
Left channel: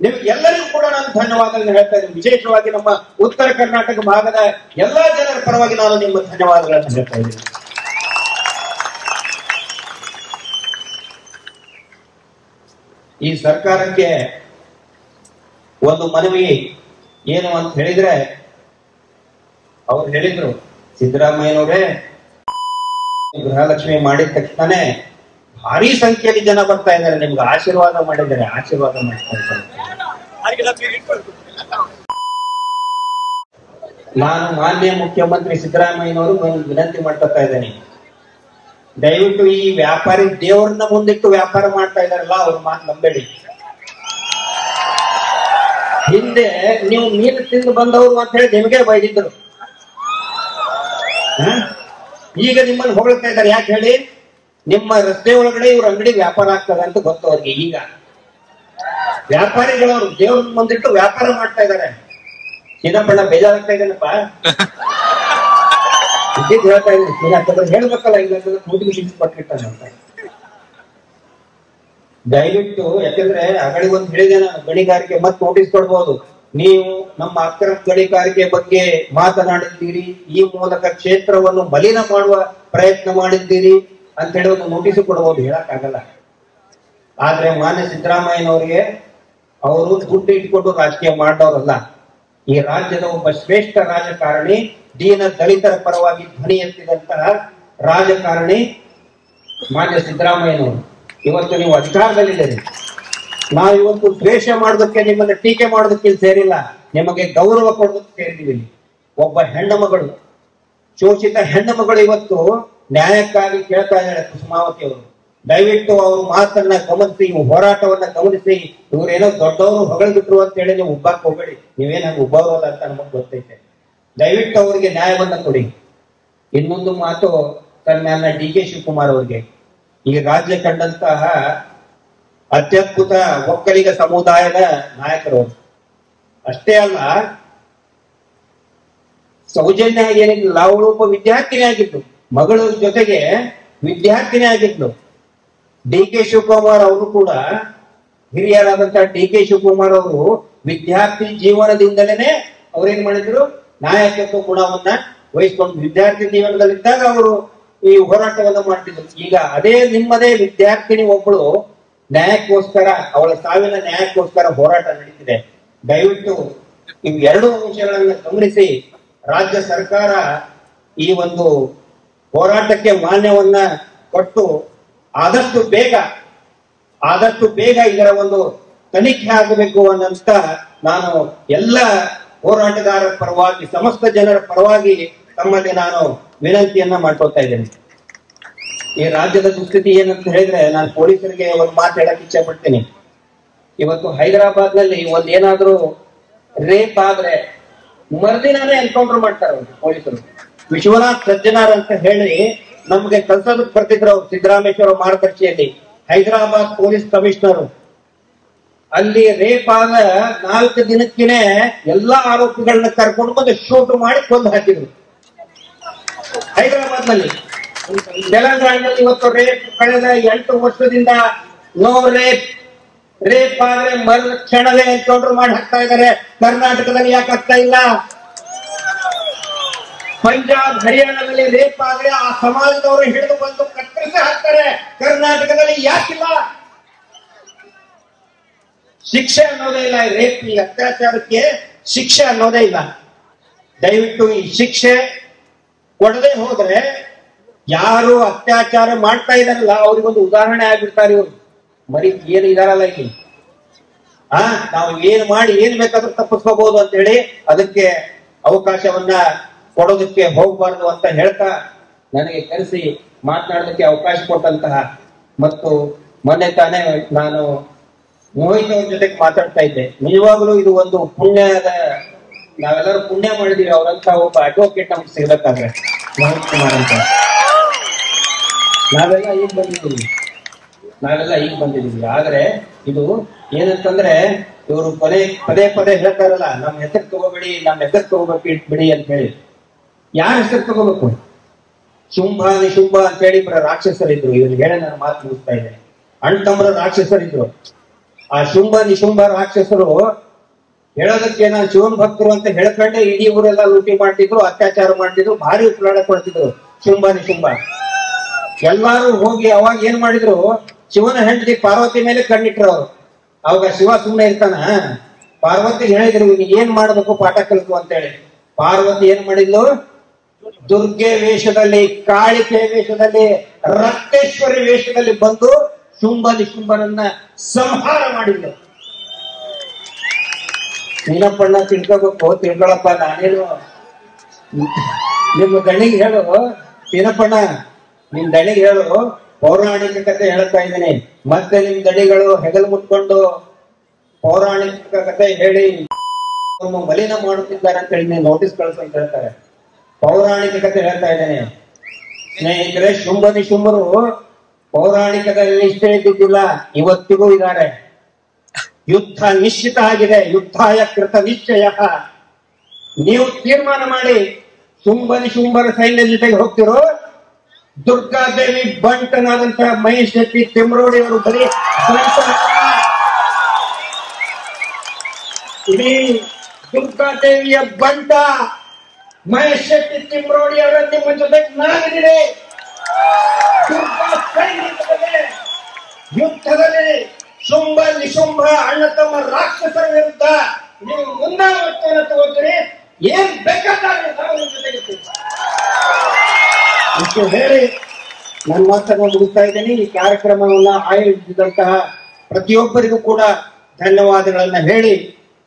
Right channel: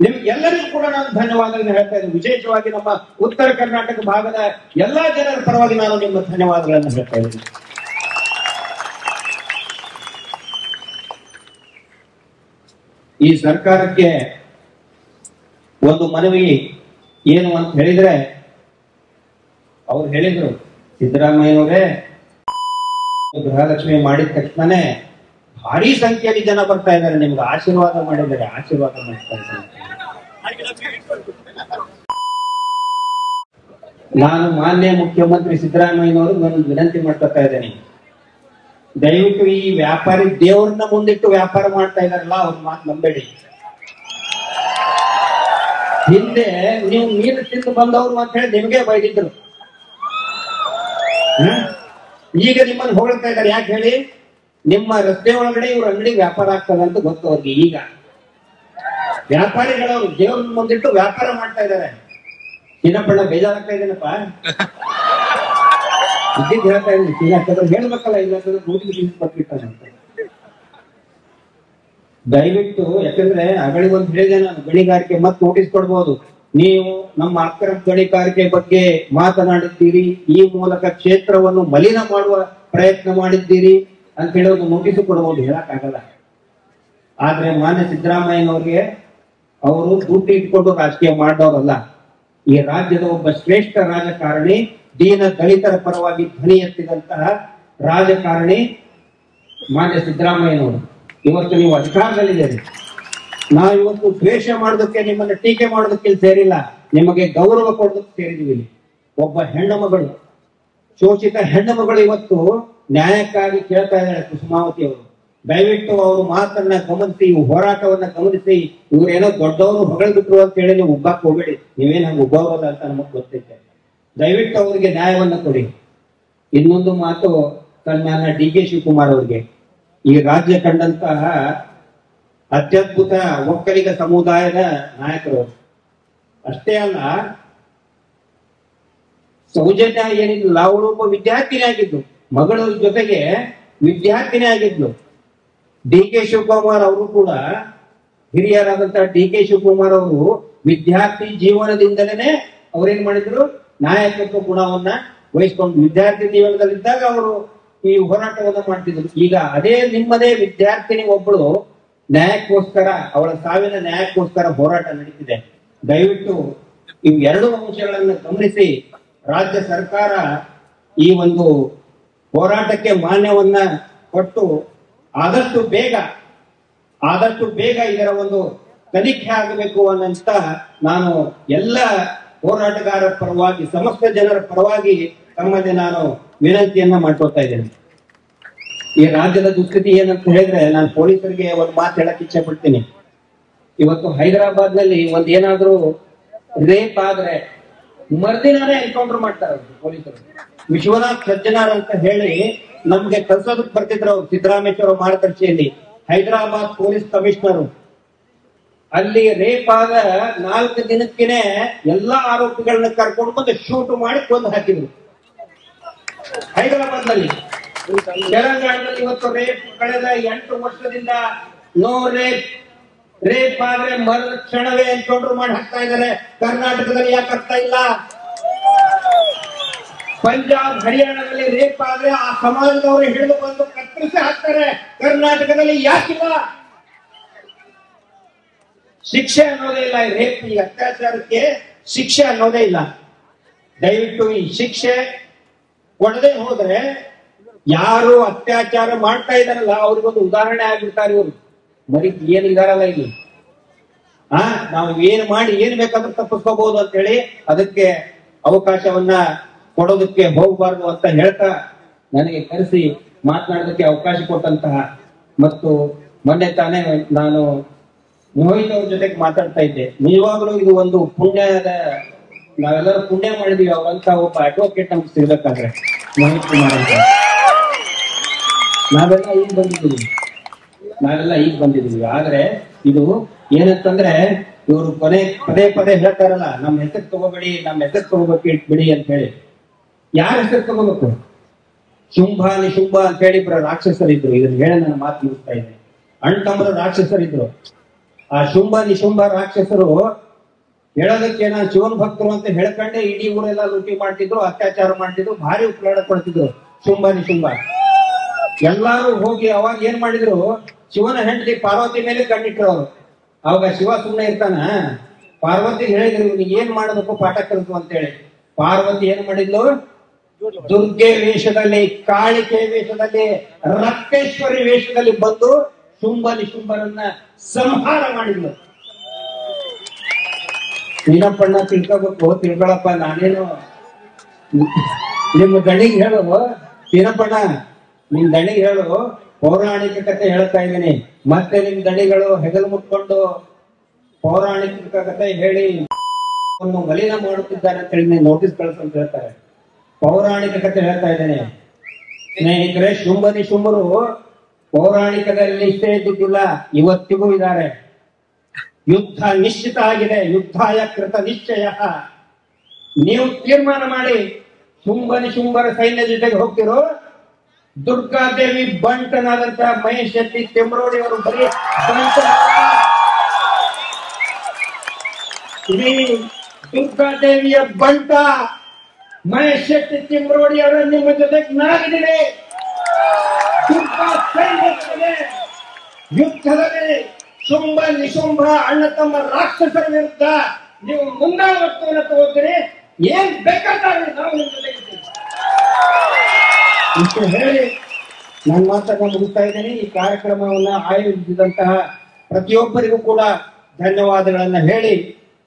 ನಿಮ್ಗೆ ಎಲ್ಲರಿಗೂ ಕೂಡ ನಾನು ಧನ್ಯವಾದಗಳನ್ನು ಹೇಳ್ತಾ ಇದ್ದೀನಿ. ವಿಶೇಷವಾಗಿ ನಮ್ಮ ಉತ್ತರ ಕರ್ನಾಟಕ ಭಾಗದ ಎಲ್ಲಾ ಜನರ ಪರವಾಗಿ ನಾನು ನಿಮ್ಮ ಧನ್ಯವಾದಗಳನ್ನು ಹೇಳ್ತಾ ಇದ್ದೀನಿ. ಈ ಸರ್ಕಾರಕ್ಕೆ ಒಂದು ಮನವಿ ಏನು ಅಂತ ಹೇಳಿದ್ರೆ, ಅವ್ರು ಹೇಳಿದ್ರು, ಸಿದ್ದರಾಮಯ್ಯನವರೇ ಗೃಹಲಕ್ಷ್ಮಿ ಮಾಡಿದ ತಕ್ಷಣನೇ ಭಾರಿ ಸಂಖ್ಯೆಯಲ್ಲಿ ಜನ ಬರ್ತಾ ಇದ್ದಾರೆ, ನಿಮ್ಗೆ ಆಶೀರ್ವಾದ ಮಾಡಿದ್ದಾರೆ, ಆಶೀರ್ವಾದ ಮಾಡ್ತಾ ಇದ್ದಾರೆ. ನಾನು ಮಾನ್ಯ ಮುಖ್ಯಮಂತ್ರಿ ಸಿದ್ದರಾಮಯ್ಯನವರು ವಿನಂತಿ ಮಾಡ್ತಾ ಇದ್ದೇನೆ, ದಯವಿಟ್ಟು ಈ ವ್ಯಾಪಾರಿ ದೇವರನ್ನ ಮುಂದಿಟ್ಟು ವ್ಯಾಪಾರ ಮಾಡ್ತಾ ಇದಾರಲ್ಲ ಅವ್ರ ಮಾತು ನಂಬೇಡಿ. ಹಿಂದೆ ನೀವು ಮೀನು ತಿಂದು ಬಂದವರು ಅಂತ ಹೇಳಿ ನಿಮಗೆ ಬೈದಿದ್ರು, ಈಗ ನಿಮ್ಮನ್ನು ಹೊಗಳ್ತಾ ಇದ್ದಾರೆ. ಯಾಕೆ ಹೇಳಿ? ನಿಮ್ಮ ರಸ್ತೆ ಒಳಗಡೆ ಇವ್ರ ಅಂಗಡಿ ವ್ಯಾಪಾರ ಆಗ್ತದೆ ಅಂತ ಗೊತ್ತು ಅವ್ರಿಗೆ. ಈಗ ವ್ಯಾಪಾರಿಗಳವರು ದೇವ್ರನ್ನ ಮುಂದಿಟ್ಟು ವ್ಯಾಪಾರ ಮಾಡ್ತಾ ಇದ್ದಾರೆ. ಚಿನ್ನಪ್ಪಣ್ಣ ಬೇಜಾರಾಗ್ತಾ ಇದ್ದೇನಪ್ಪ, ಇದ್ದಿದ್ದು ಹೇಳ್ತಾ ಇದ್ದೀನಿ, ಹೇಳ್ಬೇಕಲ್ಲ, ಇಲ್ಲ ನೋಟಿಫಿಕೇಶನ್ ಕೊಟ್ಟಿರ್ತಾನೆ ಅಂತ. ದಯವಿಟ್ಟು, ಯಾಕಂದ್ರೆ ಅಗಳಿಗೊಂದು ಹೇಳಿದೆ ನಾನು, ಗಣಿಗಾರಿಕೆ ಮತ್ತೆ ನೋಟಿಸ್ ಕೊಡ್ಬೋದು. ನೀವು ನಮ್ಮ ಅಕ್ರಮ ಗಣಿಗಾರಿಕೆ ಬಗ್ಗೆ ಮಾತನಾಡಿದ್ದೀರಿ, ಈ ಮೂಲಕ ಕ್ಷೇತ್ರವನ್ನು ಮಲಿನ ಮಾಡುವ ಪ್ರಯತ್ನ ಮಾಡಿದ್ದೀರಿ ಅಂತ ಹೇಳಿ ಒಂದು ನೋಟಿಸ್ ಕೊಡ್ಬೋದು. ಹೇಳಕ್ ಆಗಲ್ಲ. ಆದ್ರೆ ಮಾನ್ಯ ಸಿದ್ದರಾಮಯ್ಯನವರಿಗೆ ಅವರು ದುಡ್ಡು ಇಟ್ಕೊಂಡು ರಾಜಕೀಯ ಮಾಡಿದವರಲ್ಲ. ಈ ರಾಜ್ಯದ ಒಬ್ಬ ಶ್ರೇಷ್ಠ ರಾಜಕಾರಣಿ, ದೀನ ದಲಿತರ ಪರವಾಗಿ ಧ್ವನಿ ಎತ್ತಿದಂತಹ ರಾಜಕಾರಣಿ ಮಾನ್ಯ ಸಿದ್ದರಾಮಯ್ಯನವರು. ಇವತ್ತು ನೀವು ಅಧಿಕಾರದಲ್ಲಿದ್ದೀರಿ. ನಾವಿವತ್ತು ದ್ವೇಷ ಮಾಡೋದಕ್ಕೆ, ನಿಮ್ಮನ್ನ ಟೀಕೆ ಮಾಡೋದಕ್ಕೆ ಇಲ್ಲಿ ಸೇರಿಲ್ಲ, ನಿಮಗೆ ಗೌರವ ಕೊಡೋದಕ್ಕೆ ಸೇರಿದ್ದೀವಿ. ಒಬ್ಬ ಹೆಣ್ಣು ಮಗಳು, ಶೋಷಿತ ಹೆಣ್ಣು ಮಗಳು ಇವತ್ತು ನ್ಯಾಯಕ್ಕಾಗಿ ಕೇಳ್ತಾ ಇದ್ದಾಳೆ ಕುಸುಮಾವತಿ ಅವರು. ದಯವಿಟ್ಟು ಅವ್ರ ಮಾತನ್ನ ಗಮನಿಸಿ, ಹೋರಾಟವನ್ನ ಗಮನಿಸಿ. ಇವ್ರೇನೋ ದೊಡ್ಡವರು ಹೊಗಳಿಬಿಟ್ರು ಅಂತ ಹೇಳಿ ನೀವು ಉಬ್ಬಾಕ್ ಹೋಗ್ಬೇಡಿ. ನೀವೇನ ಉಬ್ಬವರೋದ ಅಂತ ನಮಗ್ ಗೊತ್ತೈತೆ. ದಯವಿಟ್ಟು ಅವರಿಗೆ ನ್ಯಾಯವನ್ನ ಕೊಡಿ. ಇನ್ನೊಂದು ಮಾತು ನನ್ನ ಡಿ ಕೆ ಶಿವಕುಮಾರ್ ಅವರಿಗೆ, ಈ ರಾಜ್ಯ ಕಂಡಂತಹ ಅತ್ಯದ್ಭುತ ಒಕ್ಕಲಿಗ ಸಮುದಾಯದ ನಾಯಕರು. ಅಷ್ಟೇ ಅಲ್ಲ, ಸೌಜನ್ಯ ಏನಿಲ್ಲ, ಅವಳು ಒಬ್ಬ ವಿದ್ಯಾರ್ಥಿನಿ ಆಗಿದ್ಲು, ಮಗಳ ಜೊತೆಗೆ ವಿದ್ಯಾರ್ಥಿನಿ ಆಗಿದ್ಲು. ಡಿ ಕೆ ಶಿವಕುಮಾರ್ ಅವರು ಕೂಡ, ಹಿರಿಯರಾದಂತಹ ಡಿ ಕೆ ಶಿವಕುಮಾರ್ ಅವರು ವಿದ್ಯಾರ್ಥಿ ಜೀವನದಿಂದಲೇ ಅವ್ರೇನ್ ಮಾಡಿದ್ರು, ನಾಯಕತ್ವ ಗುಣವನ್ನ ವಹಿಸ್ಕೊಂಡು ವಿದ್ಯಾರ್ಥಿ ಜೀವನದಲ್ಲಿದ್ದಾಗ ಅವರು ಈ ಹೋರಾಟವನ್ನ ಮಾಡ್ತಿದ್ರು. ಈಗ ಅದೇ ನಿಮ್ಮದೇ ವಿದ್ಯಾರ್ಥಿನಿ ಒಬ್ಬಳು ನ್ಯಾಯಕ್ಕೋಸ್ಕರ, ಅವಳ ಸಾವಿನ ನ್ಯಾಯಕ್ಕೋಸ್ಕರ ಹೋರಾಟ ನಡೀತಿದೆ. ದಯವಿಟ್ಟು ಇವು ಎರಡು ಅಂಶಗಳನ್ನ ಗಮನಿಸಿ ರಾಜ್ಯ ಸರ್ಕಾರ ಈ ಒಂದು ಹೋರಾಟಕ್ಕೆ ಮಾನ್ಯವನ್ನ ಕೊಟ್ಟು ಆದಷ್ಟು ಬೇಗ ಇದರ ಒಂದು ತನಿಖೆ ಆಗಬೇಕು ಅನ್ನಂತ ನಾನು ಎಲ್ಲ ಹೋರಾಟಗಾರರ ಪರವಾಗಿ, ಸಮಸ್ತ ಜನರ ಪರವಾಗಿ ತಮ್ಮಲ್ಲಿ ನಾನು ವಿನಂತಿಯನ್ನ ಮಾಡ್ಕೊಳ್ತಾ ಇದ್ದೇನೆ. ಈ ರಾಜ್ಯದ ದುಸ್ಥಿತಿ ಏನಂತ ಹೇಳಿದ್ರೆ, ನಾನು ಪೊಲೀಸರಿಗೆ ಒಂದು ಮಾತು ಹೇಳಕ್ ಇಚ್ಛೆ ಪಡ್ತೀನಿ. ಇವತ್ತು ಹೈದರಾಬಾದ್ ನಲ್ಲಿ ಏನಾದ್ರೂ ರೇಪ್ ಆದ್ರೆ ಮರುದಿನಾನೇ ಎನ್ಕೌಂಟರ್ ಮಾಡ್ತಾರೆ ಪೊಲೀಸರು. ವಿಶ್ವನಾಥ್ ಸಜ್ಜನಾರ್ ಅಂತ ಹೇಳಿ ನಮ್ಗೆ ಕಲ್ಸೋದಕ್ಕೆ ಬರ್ತಿದ್ರು ಅವ್ರು, ಸಿದ್ದರಾಮೇಶ್ವರ ಮಾರ್ಗದರ್ಶಿಯಲ್ಲಿ ಹೈದರಾಬಾದ್ ಪೊಲೀಸ್ ಕಮಿಷನರ್. ಅಲ್ಲಿ ರೇಪ್ ಆದ 4 ದಿನಕ್ಕೇನೆ ಎಲ್ಲಾ ಆರೋಪಿಗಳನ್ನ ಕರ್ಕೊಂಡು ಬಂದು ಶೂಟ್ ಮಾಡಿ ಕೊಂದು ಹಾಕಿದ್ರು ಹೈದರಾಬಾದ್ ನಲ್ಲಿ. ತೆಲಂಗಾಣದಲ್ಲಿ ಇವತ್ತು ರೇಪ್ ಕಳೆದ 8 ವರ್ಷದಿಂದ ನೋ ರೇಪ್ ಆದ್ರೆ ಮರು ಕ್ಷಣವೇ ಎನ್ಕೌಂಟರ್ ಮಾಡಿ ಹಾಕ್ತಾ ಇದ್ದಾರೆ. ಕರ್ನಾಟಕದಲ್ಲಿ ಯಾಕೆ ಆಗ್ತಾ ಇಲ್ಲ? ಪಂಜಾಬ್ ಹರಿಯಾಣದಲ್ಲಿ ರೇಪ್ ಆದ್ರೆ ಆ ಸಮಾಜದವರು ಹಿಡಿದು ಬಂದು ಕತ್ತರಿಸಿ ಹಾಕ್ತಾರೆ. ಕರ್ನಾಟಕದಲ್ಲಿ ಯಾಕಿಲ್ಲ? ಶಿಕ್ಷೆ ಅನ್ನೋದೇ ಇಲ್ಲ. ರೇಪ್, ಈ ಅತ್ಯಾಚಾರಕ್ಕೆ ಶಿಕ್ಷೆ ಅನ್ನೋದೇ ಇಲ್ಲ. ದಯವಿಟ್ಟು ಈ ಶಿಕ್ಷೆ ಕೊಡದೆ ಹೋದ್ರೆ ಯಾರು ಅತ್ಯಾಚಾರ ಮಾಡ್ತಾ ಇದಾರಲ್ಲ ಅವ್ರಿಗೊಂದು ಉದಾಹರಣೆ ಆಗ್ಬಿಡ್ತಾರೆ ಇವರು. ಬರೀ ಏನು ಇದಾರಲ್ಲ ಇಲ್ಲಿ, ನಾವು ಏನ್ ಮಾಡಿ ಏನ್ ಬೇಕಾದ್ರೂ ತಪ್ಪಿಸ್ಕೋಬಹುದು ಅಂತ ಹೇಳಿ ಅದಕ್ಕೆ ಅವಕಾಶವನ್ನ ಕೊಡೋದಕ್ಕೆ ಹೋಗಬಾರ್ದು ಅಂತ ಹೇಳ್ತಾ, ನನಗೆ ಕರೆಸಿ ಮಾತನಾಡೋದಕ್ಕೆ ಅವಕಾಶ ಕೊಟ್ಟಂತಹ ಮತ್ತು ಮೊನ್ನೆ ತಾನೇ ನಾನು ಮೋಹಿತ್ ಅವ್ರ ಜೊತೆಗೆ ಮಾತಾಡ್ತಾ ಇದ್ದೆ. ನಿಜವಾಗ್ಲೂ ಇದು ಒಂದು ಪುಣ್ಯದ, ನಾವೆಲ್ಲರೂ ಪುಣ್ಯ ಮಾಡಿದೀವಿ. ಅವರಂತ ಒಬ್ಬ ಅಡ್ವೊಕೇಟ್ ನಮ್ಗೆ ಸಿಗ್ಬೇಕಾದ್ರೆ ಮೋಹಿತ್ ಕುಮಾರ್ ಅಂತ. ನಾವೆಲ್ಲ ಈಗ ಬಂದಿದ್ದೀವಿ. ಆದ್ರೆ ಇದು ಏನಂತಂದ್ರೆ, ಇವರು ಪದೇ ಹೇಳ್ತಾರಲ್ಲ, ನಮ್ಮ ಹೆಸರು ತಗೋಬೇಕು ಇಟ್ಬಿಡಿ ಅಂತ ಹೇಳಿ. ಯಾರ ಹೆಸರು ತಗೋಬೇಕು? ಶುಂಭ ನಿಶುಂಭ ಅಂತ ಹೇಳಿ ರಾಕ್ಷಸರಿದ್ರು. ಇದನ್ನ ಹೇಳಿ ನನ್ನ ಮಾತು ಮುಗಿಸ್ತಾ ಇದೆ. ಅಣ್ತಮ್ಮರ ರಾಕ್ಷಸರಿದ್ರು. ಆ ಶುಂಭ ನಿಶುಂಭ ರಾಕ್ಷಸರು ಹೇಳೋದಕ್ಕೆ ನಾನು ಶಿವನ್ ಭಕ್ತರು ಅಂತ ಹೇಳ್ಕೊಂಡೆ ಇಡೀ ಊರೆಲ್ಲ ಲೂಟಿ ಮಾಡ್ತಿದ್ರು, ಅತ್ಯಾಚಾರ ಮಾಡ್ತಿದ್ರು, ಭಾರಿ ಉಪಲಾಡ ಕೊಡ್ತಿದ್ರು ಶುಂಭ ನಿಶುಂಭ. ಎಲ್ಲಾರು ಹೋಗಿ ಅವಾಗ ಏನ್ ಮಾಡಿದ್ರು, ಶಿವನ ಹೆಂಡತಿ ಪಾರ್ವತಿ ಮೇಲೆ ಕಣ್ಣಿಟ್ರು ಅವ್ರು. ಅವಾಗ ಶಿವ ಸುಮ್ಮನೆ ಇರ್ತಾನ? ಪಾರ್ವತಿ ಹೇಳಿದ್ರು ಏನ್ ಮಾಡ್ಬೇಕು ಪಾಠ ಕಲಿತು ಅಂತ ಹೇಳಿ. ಪಾರ್ವತಿ ಏನ್ ಮಾಡಿದ್ಲು? ದುರ್ಗೆ ವೇಷದಲ್ಲಿ, ಕಾಳಿಕೆ ವೇಷದಲ್ಲಿ, ರಕ್ತೇಶ್ವರಿ ವೇಷದಲ್ಲಿ ಬಂದು ಶುಂಭ ನಿಶುಂಭರನ್ನ ಸಂಹಾರ ಮಾಡಿದ್ಲು. ನೀನಪ್ಪಣ್ಣ ತಿಳ್ಕೊಳಪ್ಪ, ನಾನೇನು ನಿಮ್ಮ ದಣಿಗೆ ಹೇಳು, ನೀನಪ್ಪಣ್ಣ ನಿಮ್ ದಣಿಗೆ ಹೇಳು, ಪೌರಾಣಿಕ ಕಥೆ ಹೇಳ್ತಾ ಇದ್ದೀನಿ. ಮತ್ತೆ ನಿಮ್ ದಣಿಗಳು ಹೆಗಲು ಮುಟ್ಕೊಂಡು ಪೌರಾಣಿಕ ಕಥೆ ಹೇಳಿ ಮಲಿನ ಮಾಡುತ್ತಿದ್ದಾರೆ ಅಂತ ಹೇಳಿ ನೋಟಿಸ್ ಕಳಿಸಂತ ಹೇಳ್ತಾರೆ. ಪೌರಾಣಿಕ ಕಥೆ ಹೇಳ್ತಾ ಇದ್ದೇನೆ ಸ್ನೇಹಿತರೆ. ಶುಂಭ ನಿಶುಂಭರು ಪೌರಾಣಿಕದಲ್ಲಿ ಇಷ್ಟೇ ಇದ್ದಿದ್ದಿಲ್ಲ, ಇವತ್ತಿಗೂ ಇದ್ದಾರೆ. ಯುದ್ಧ ನಿಶ್ಚಿತ ಆಗಿದೆ. ಯುದ್ಧಾಯ ಕೃತ ನಿಶ್ಚಯ. ನೀವು ತೀರ್ಮಾನ ಮಾಡಿ, ಶುಂಭ ನಿಶುಂಭರ ಸೈನ್ಯ ಜೊತೆಗೆ ಹೋಗ್ತಿರೋ, ದುರ್ಗಾದೇವಿ ಬಂಟನಾದಂತಹ ಮಹೇಶ್ ಶೆಟ್ಟಿ ತಿಮ್ರೋಡಿ ಅವರು ಬರೀ ಇಡೀ ದುರ್ಗಾದೇವಿಯ ಬಂಟ ಮಹೇಶ್ ಶೆಟ್ಟಿ ತಿಮ್ರೋಡಿ ಅವರ ನಿಮ್ಮ ಜೊತೆಗೆ ನಾನಿದ್ದೀನಿ. ದುರ್ಗಾ ಸೈನ್ಯದಲ್ಲಿ ಯುದ್ಧದಲ್ಲಿ ಶುಂಭ ನಿಶುಂಭ ಅಣ್ಣ ತಮ್ಮ ರಾಕ್ಷಸರ ವಿರುದ್ಧ ನೀವು ಮುಂದಾಳತ್ವವನ್ನು ತಗೋತೀರಿ. ಏನ್ ಬೇಕಾದ್ರೆ ನಾವು ನಿಮ್ ಜೊತೆಗಿರ್ತೀವಿ. ಇಷ್ಟು ಹೇಳಿ ನನ್ನ ಮಾತನ್ನು ಮುಗಿಸ್ತಾ ಇದ್ದೀನಿ. ಈ ಕಾರ್ಯಕ್ರಮವನ್ನ ಆಯೋಜಿಸಿದಂತಹ ಪ್ರತಿಯೊಬ್ಬರಿಗೂ ಕೂಡ ಧನ್ಯವಾದಗಳನ್ನ ಹೇಳಿ,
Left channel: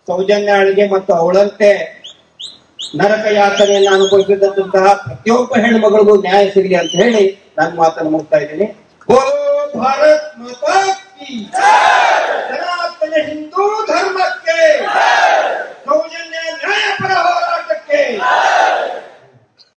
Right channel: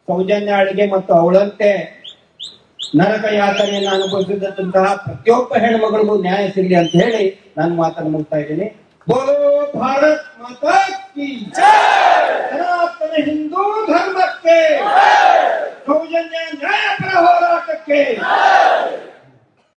ಸೌಜನ್ಯಾಳಿಗೆ ಮತ್ತು ಅವಳಂತೆ ನರಕ ಯಾತನೆಯನ್ನು ಅನುಭವಿಸಿದಂತಹ ಪ್ರತಿಯೊಬ್ಬ ಹೆಣ್ಮಗಳಿಗೂ ನ್ಯಾಯ ಸಿಗಲಿ ಅಂತ ಹೇಳಿ ನನ್ನ ಮಾತನ್ನು ಮುಗಿಸ್ತಾ ಇದ್ದೀನಿ. ಬೋಲೋ ಭಾರತ್ ಮಾತಾ ಕಿ ಜೈ.